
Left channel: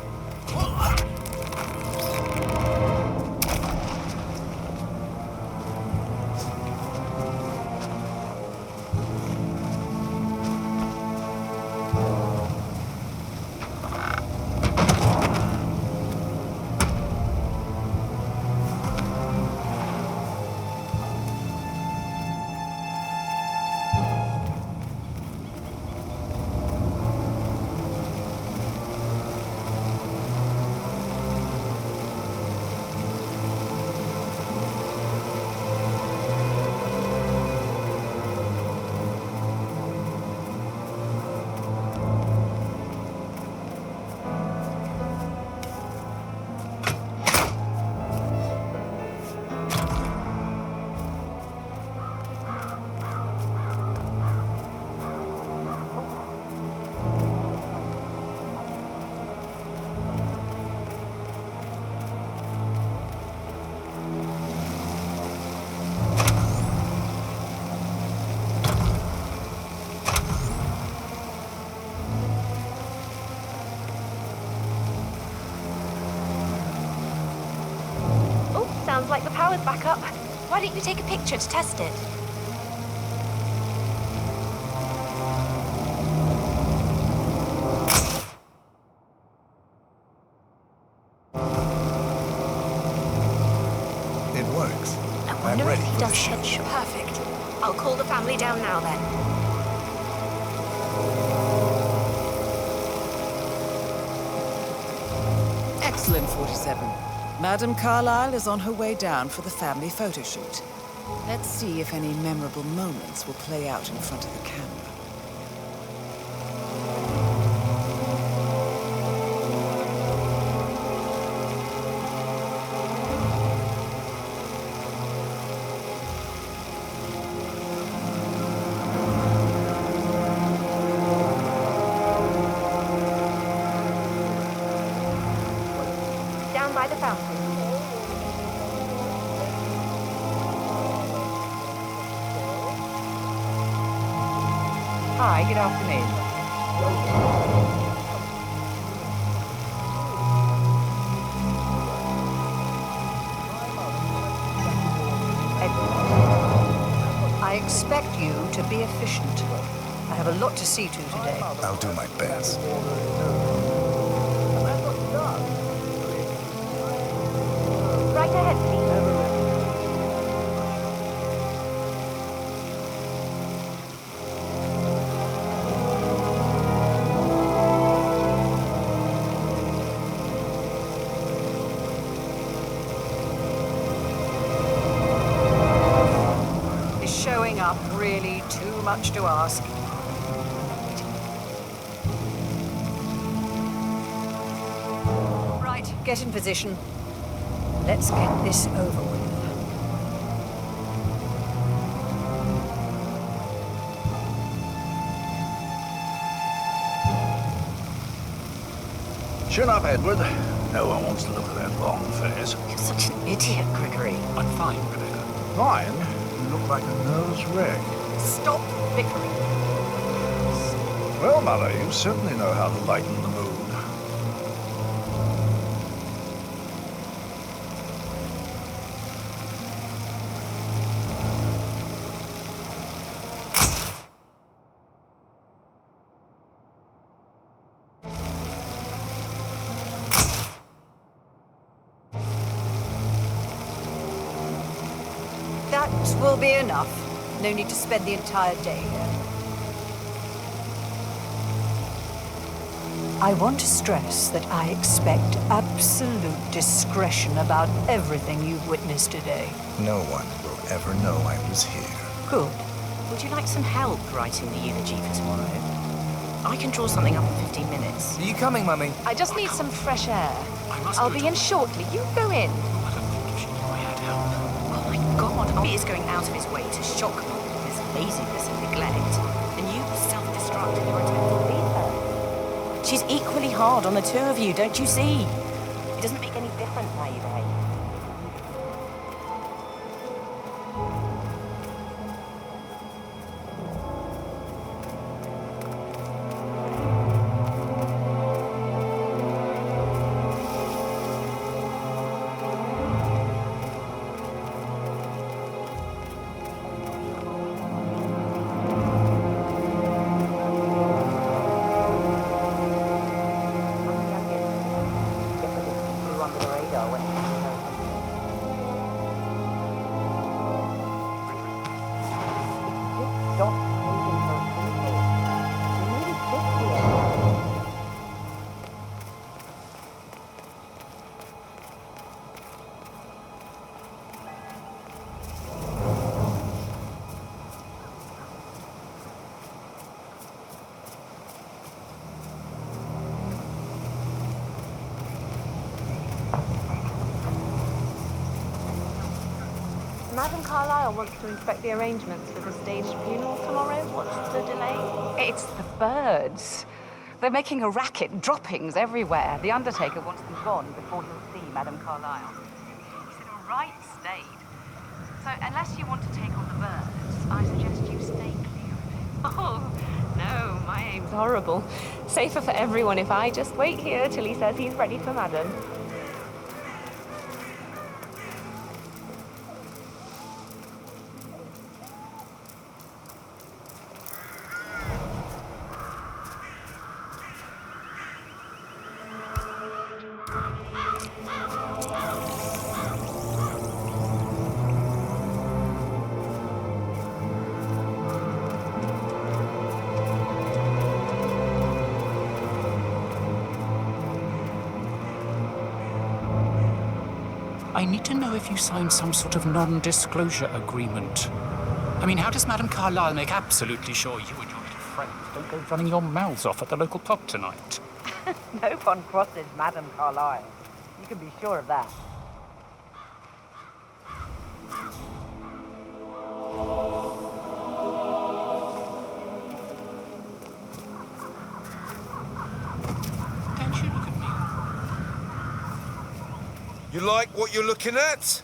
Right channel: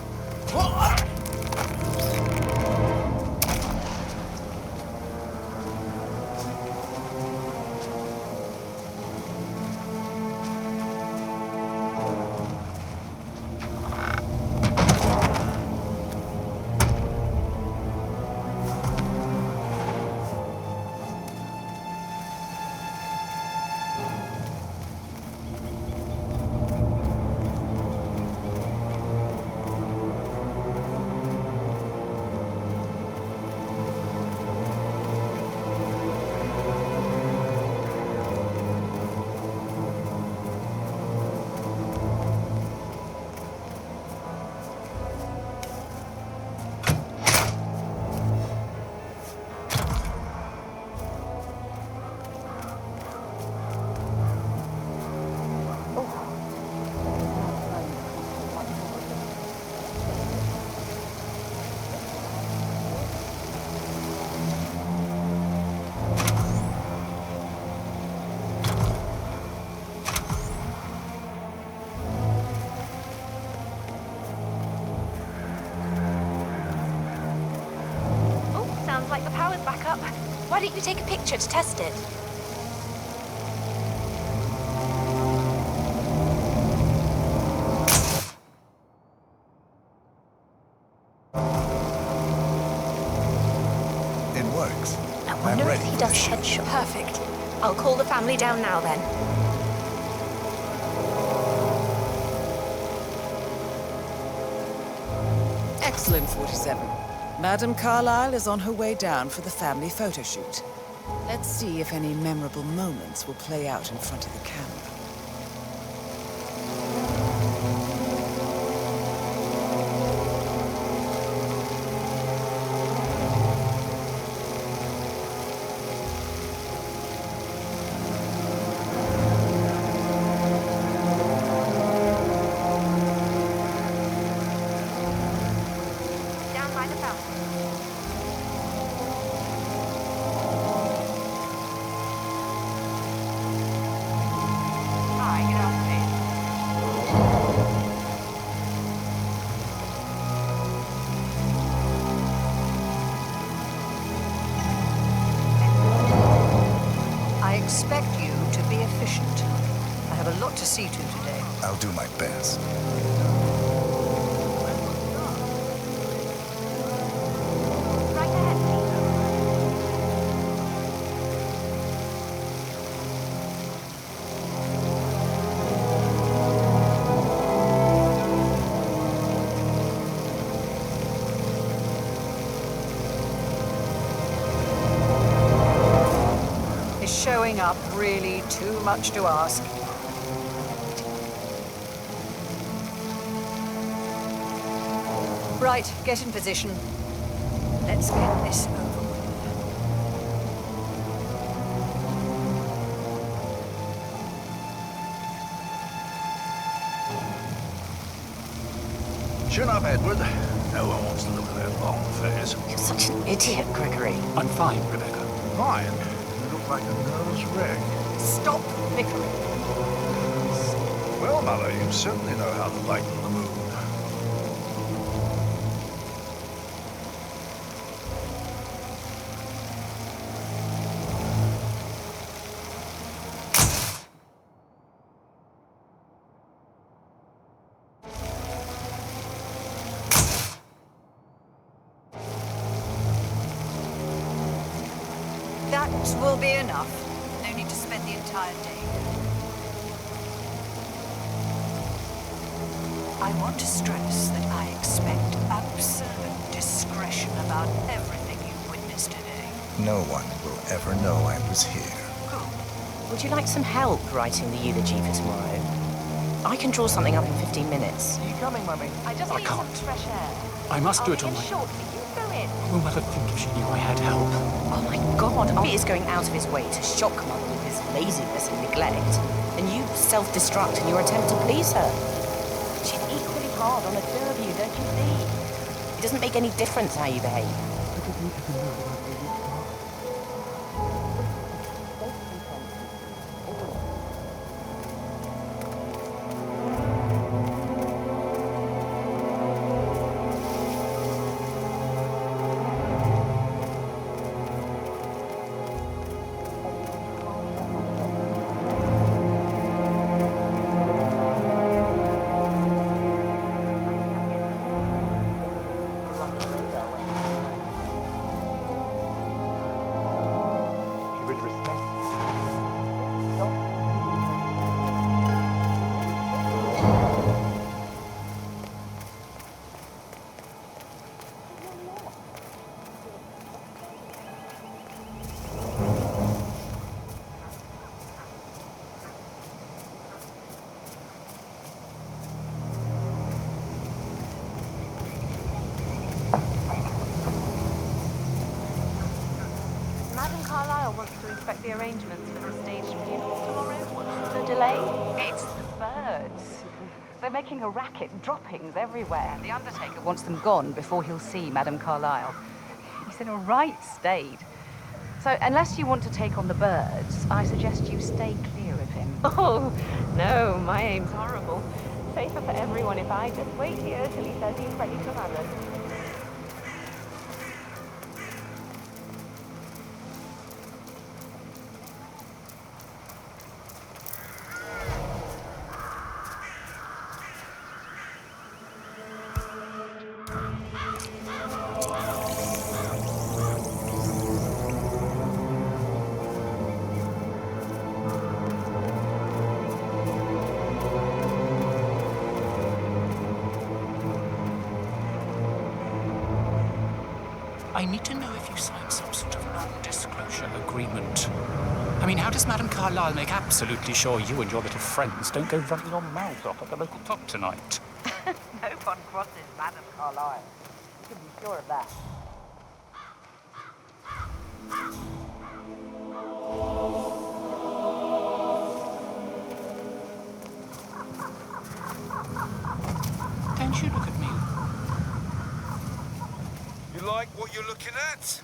Sounds like the power's back up. Why don't you take a picture to test it? It works. I I'm wonder ready if he for does the shoot. headshot. Perfect. I'll call the family down now then. Excellent, 47. Madame Carlisle is on her way down for the family photo shoot. Let's see if any memorable moments will play out in front of the camera. Down by the fountain. Hi, good afternoon. I expect you to be efficient. I have a lot to see to today. I'll do my best. Right ahead, please. Is showing up really too much to ask? I'm not waiting. Right, get in position. Let's get this over with. Chin up, Edward. No one wants to look at that long face. You're such an idiot, Gregory. I'm fine, Rebecca. Fine? You look like a nervous wreck. Stop bickering. Well, Mother, you certainly know how to lighten the mood. That will be enough. No need to spend the entire day here. I want to stress that I expect absolute discretion about everything you've witnessed today. No one will ever know I was here. Good. Would you like some help writing the eulogy for tomorrow? I can draw something up in 15 minutes. Are you coming, Mummy? I just need some fresh air. I must I'll do it be on in my... shortly. You go in. Will Mother think if she knew I had help? Oh my God, He is going out of his way to shock Mother with his laziness and neglect, and you self-destruct in your attempt to please her. She's equally hard on the two of you, don't you see? It doesn't make any difference how you behave. Madam Carlisle wants to inspect the arrangements for the staged funeral tomorrow. What's the delay? It's the birds. They're making a racket, droppings everywhere. The Undertaker wants them gone before he'll see Madame Carlisle. He's in a right state. So unless you want to take on the birds, I suggest you stay clear of him. Oh, no, my aim's horrible. Safer for everyone if I just wait here till he says he's ready for Madam. I need to know if you signed some sort of non-disclosure agreement. I mean, how does Madame Carlisle make absolutely sure you and your little friends don't go running your mouths off at the local pub tonight? No one crosses Madame Carlisle. You can be sure of that. Don't you look at me. You like what you're looking at?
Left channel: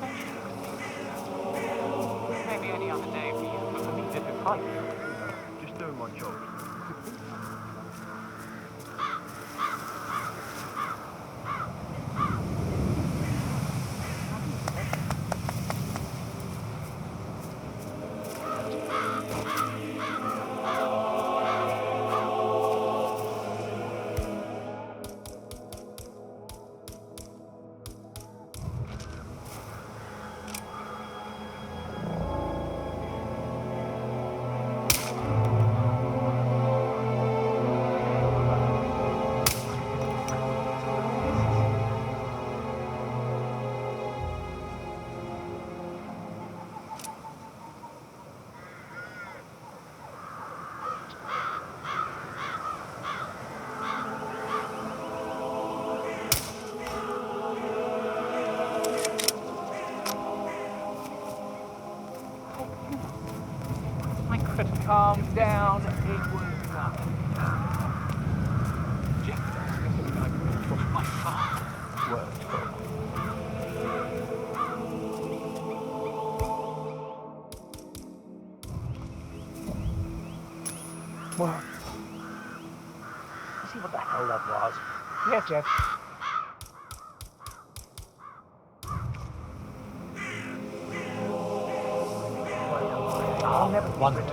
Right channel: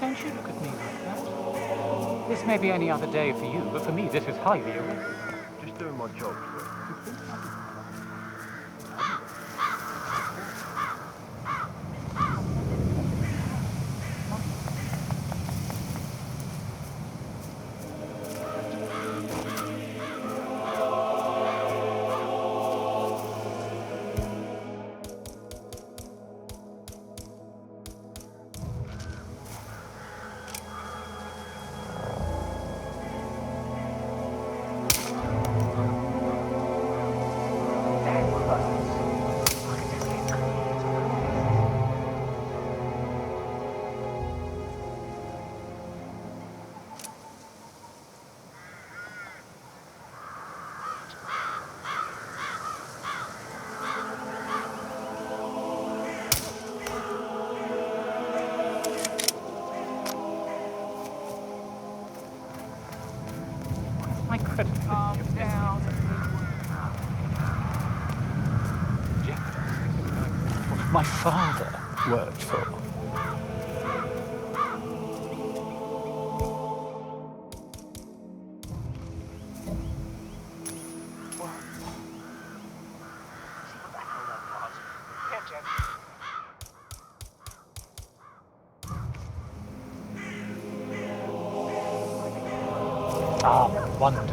Don't you look at me like that? This may be any other day for you, but for me this is highly irregular. Just doing my job, sir. You think nothing of my credibility. Calm down. Jeopardizing everything I worked for. My father worked for. Well, you see what the hell that was? Yes, Jeff. Ah, wonderful.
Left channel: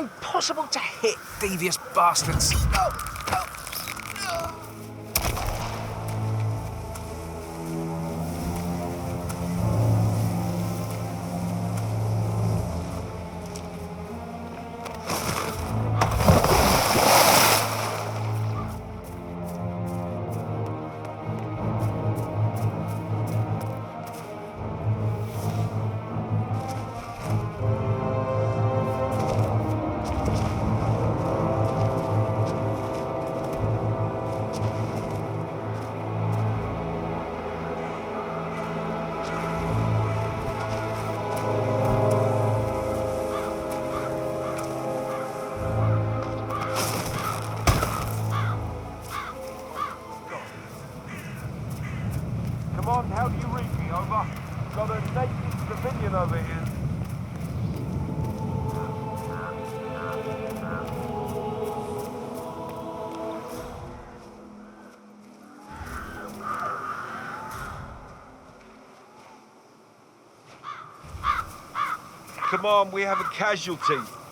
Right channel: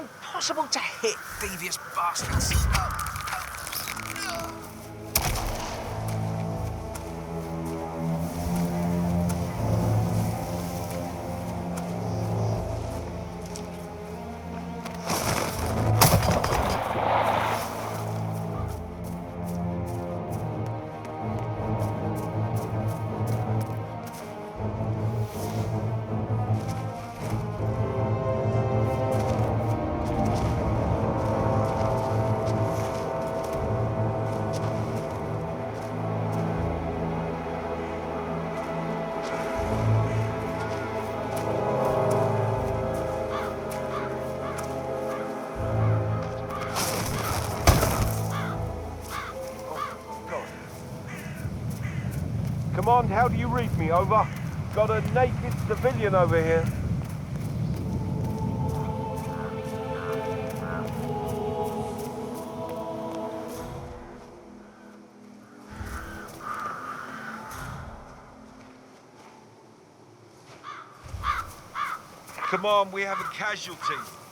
impossible to hit, devious bastards. Command, how do you read me? Over. Got a naked civilian over here. Command, we have a casualty.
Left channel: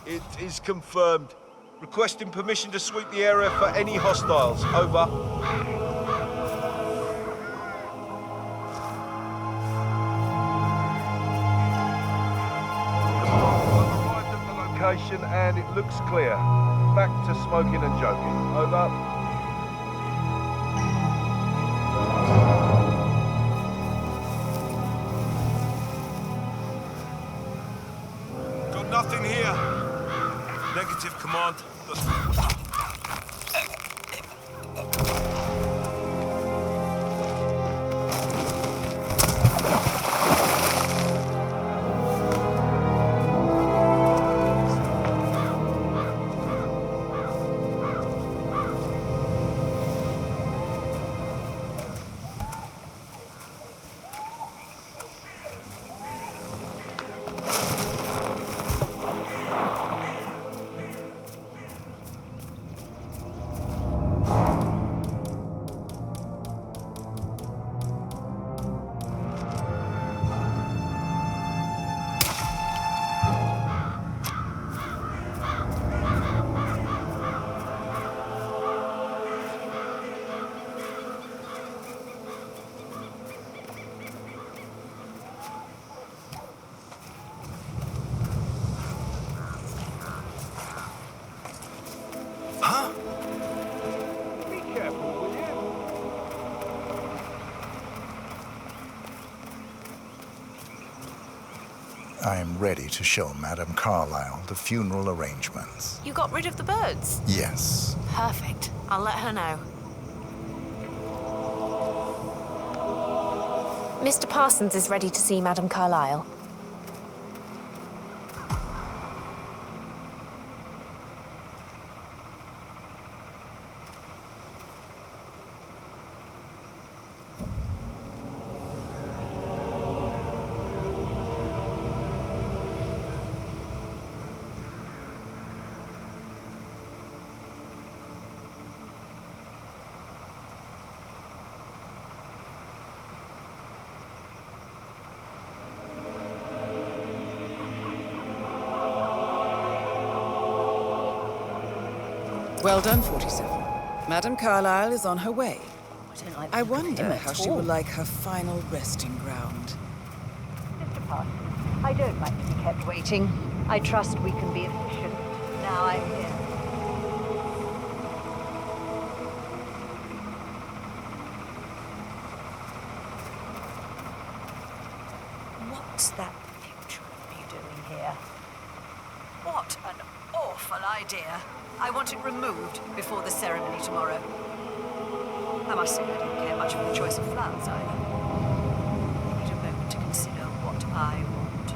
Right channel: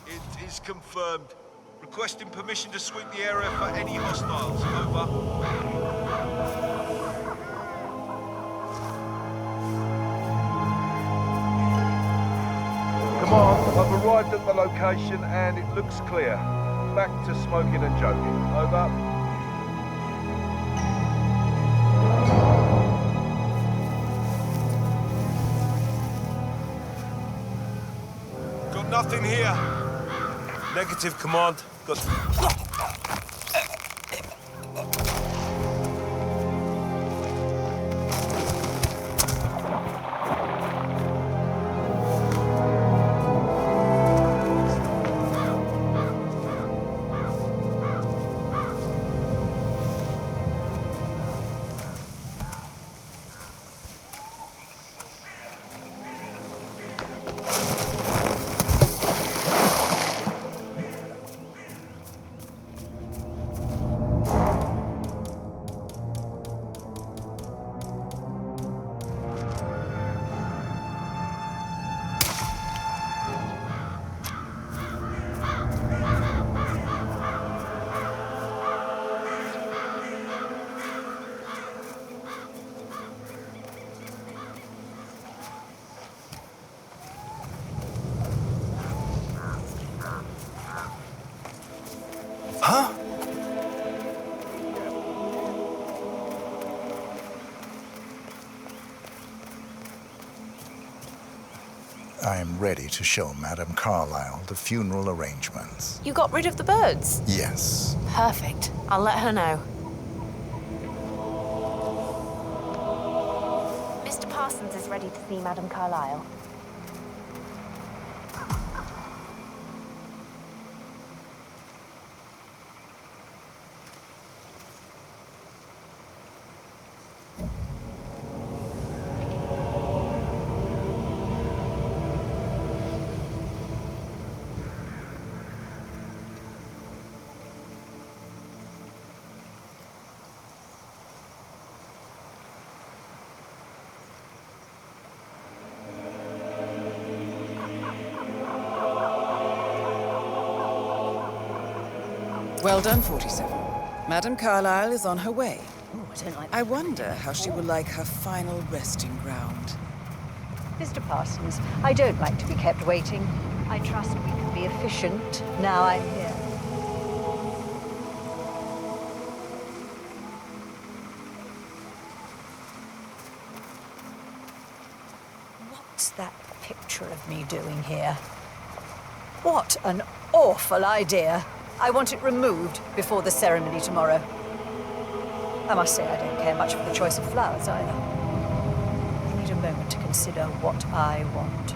It is confirmed. Requesting permission to sweep the area for any hostiles. Over. Command, I've arrived at the location and it looks clear. Back to smoking and joking. Over. Got nothing here. Negative, Command. Got... Huh? I am ready to show Madame Carlisle the funeral arrangements. You got rid of the birds? Yes. Perfect. I'll let her know. Mr. Parsons is ready to see Madame Carlisle. Well done, 47. Madame Carlisle is on her way. Ooh, I don't like I wonder how she will like her final resting ground. Mr. Parsons, I don't like to be kept waiting. I trust we can be efficient now I'm here. What's that picture of me doing here? What an awful idea. I want it removed before the ceremony tomorrow. I must say I don't care much for the choice of flowers either. I need a moment to consider what I want.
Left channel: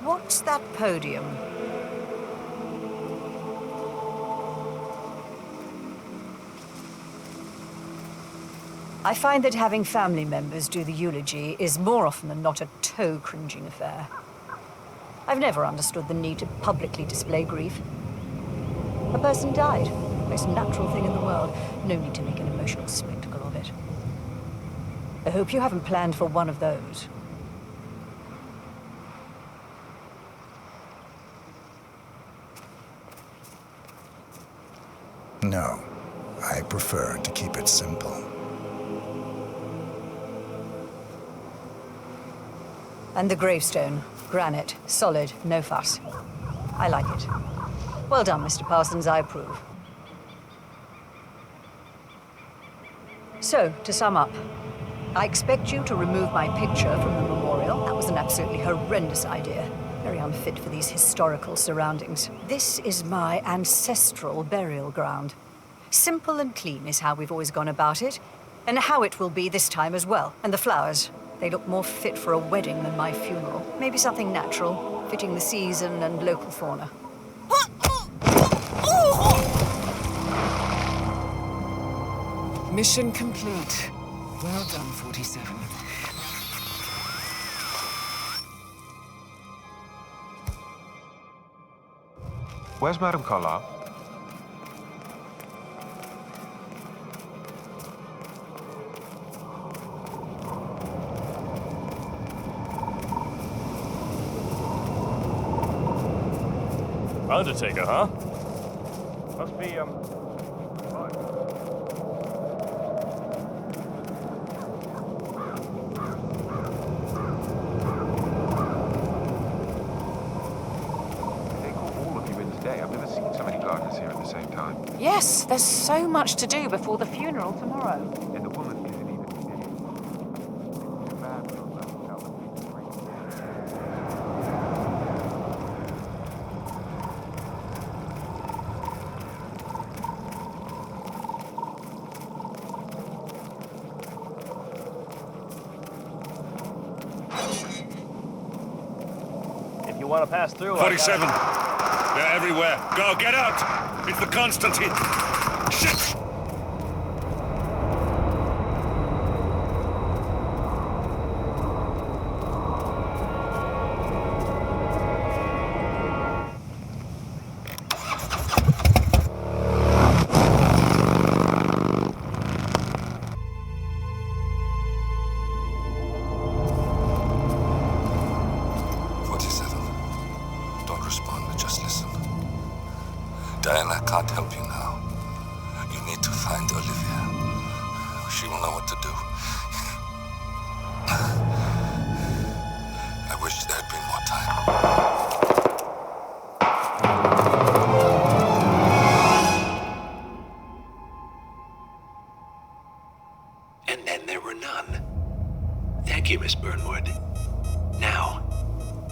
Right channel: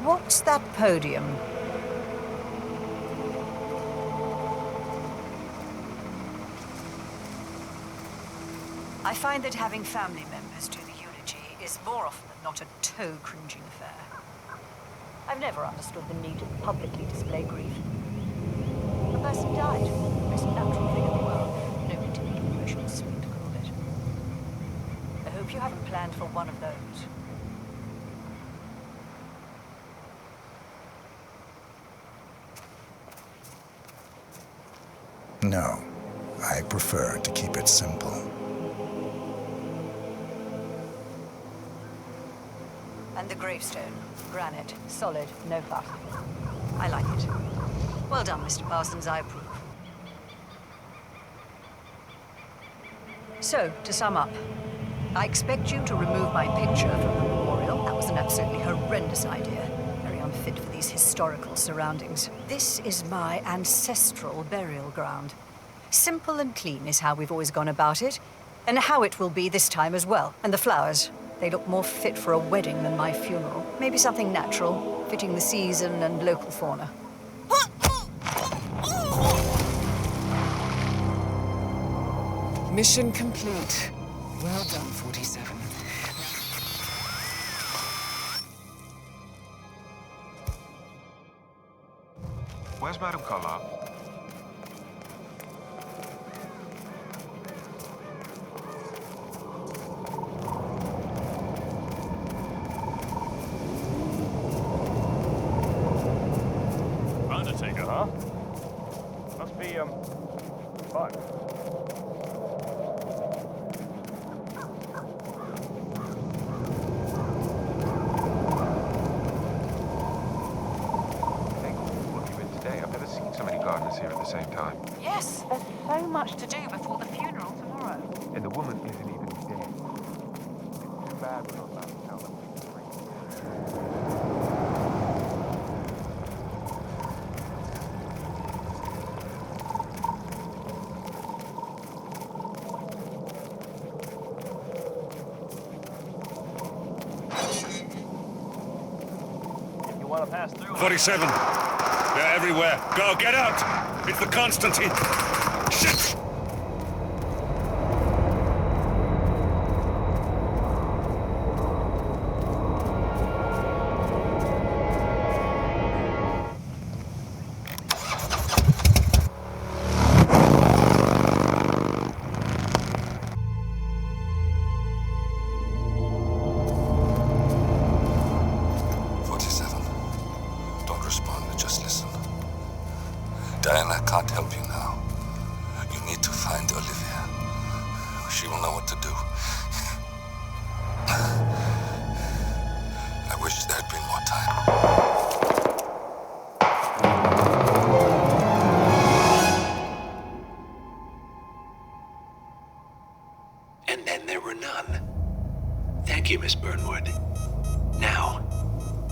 What's that podium? I find that having family members do the eulogy is more often than not a toe-cringing affair. I've never understood the need to publicly display grief. A person died. Most natural thing in the world. No need to make an emotional spectacle of it. I hope you haven't planned for one of those. No, I prefer to keep it simple. And the gravestone. Granite. Solid. No fuss. I like it. Well done, Mr. Parsons. I approve. So, to sum up, I expect you to remove my picture from the memorial. That was an absolutely horrendous idea. Very unfit for these historical surroundings. This is my ancestral burial ground. Simple and clean is how we've always gone about it, and how it will be this time as well. And the flowers, they look more fit for a wedding than my funeral. Maybe something natural, fitting the season and local fauna. Mission complete. Well done, 47. Where's Madame Carlisle? Undertaker, huh? Must be, fun. They call all of you in today. I've never seen so many gardeners here at the same time. Yes, there's so much to do before the funeral tomorrow. And the woman isn't even dead. It's too bad we're not allowed to tell them. Want to pass through? 47. They're everywhere. Go, get out! It's the Constantine. Shit! Don't respond, just listen. Diana can't help you now. You need to find Olivia. She will know what to do. I wish there had been more time. And then there were none. Thank you, Miss Burnwood. Now,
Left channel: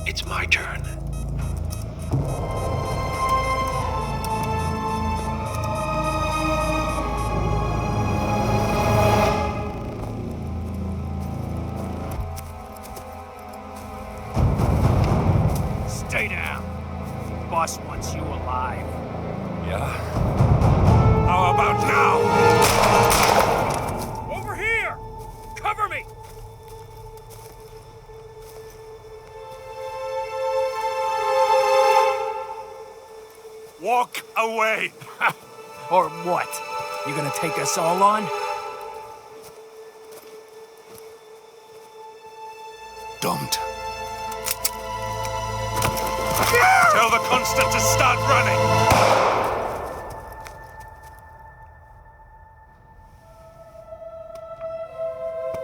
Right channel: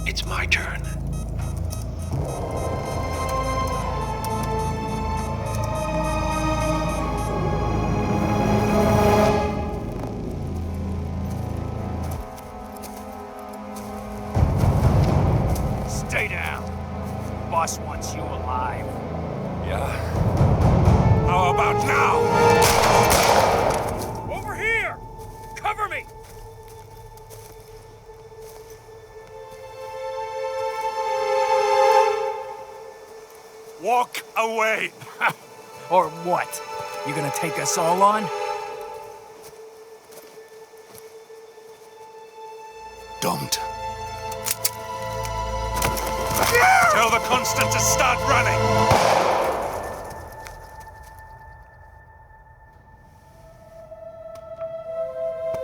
it's my turn. Stay down. Boss wants you alive. Yeah? How about now? Over here! Cover me! Walk away! Or what? You gonna take us all on? Don't. Tell the Constant to start running!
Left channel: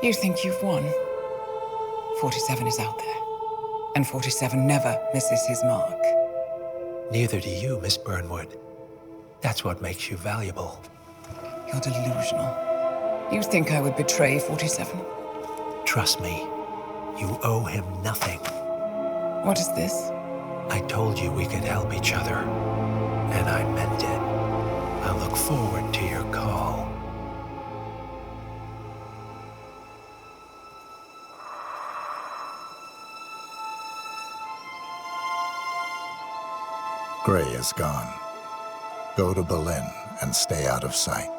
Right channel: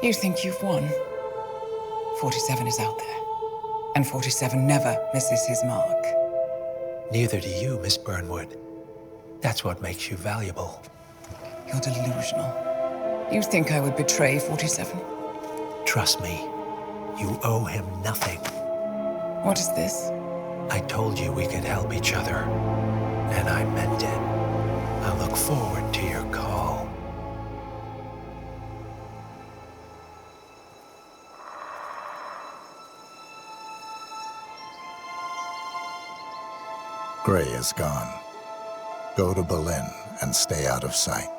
You think you've won? 47 is out there. And 47 never misses his mark. Neither do you, Miss Burnwood. That's what makes you valuable. You're delusional. You think I would betray 47? Trust me, you owe him nothing. What is this? I told you we could help each other, and I meant it. I'll look forward to your call. Gray is gone. Go to Berlin and stay out of sight.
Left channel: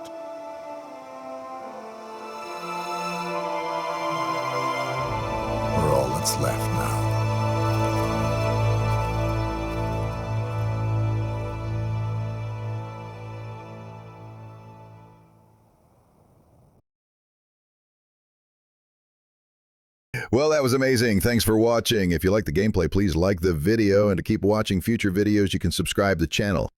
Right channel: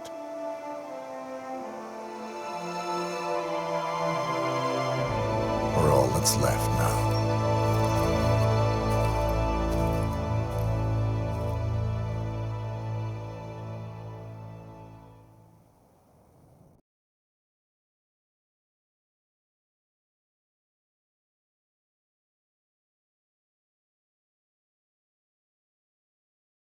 We're all that's left now. Well, that was amazing. Thanks for watching. If you like the gameplay, please like the video. And to keep watching future videos, you can subscribe to the channel.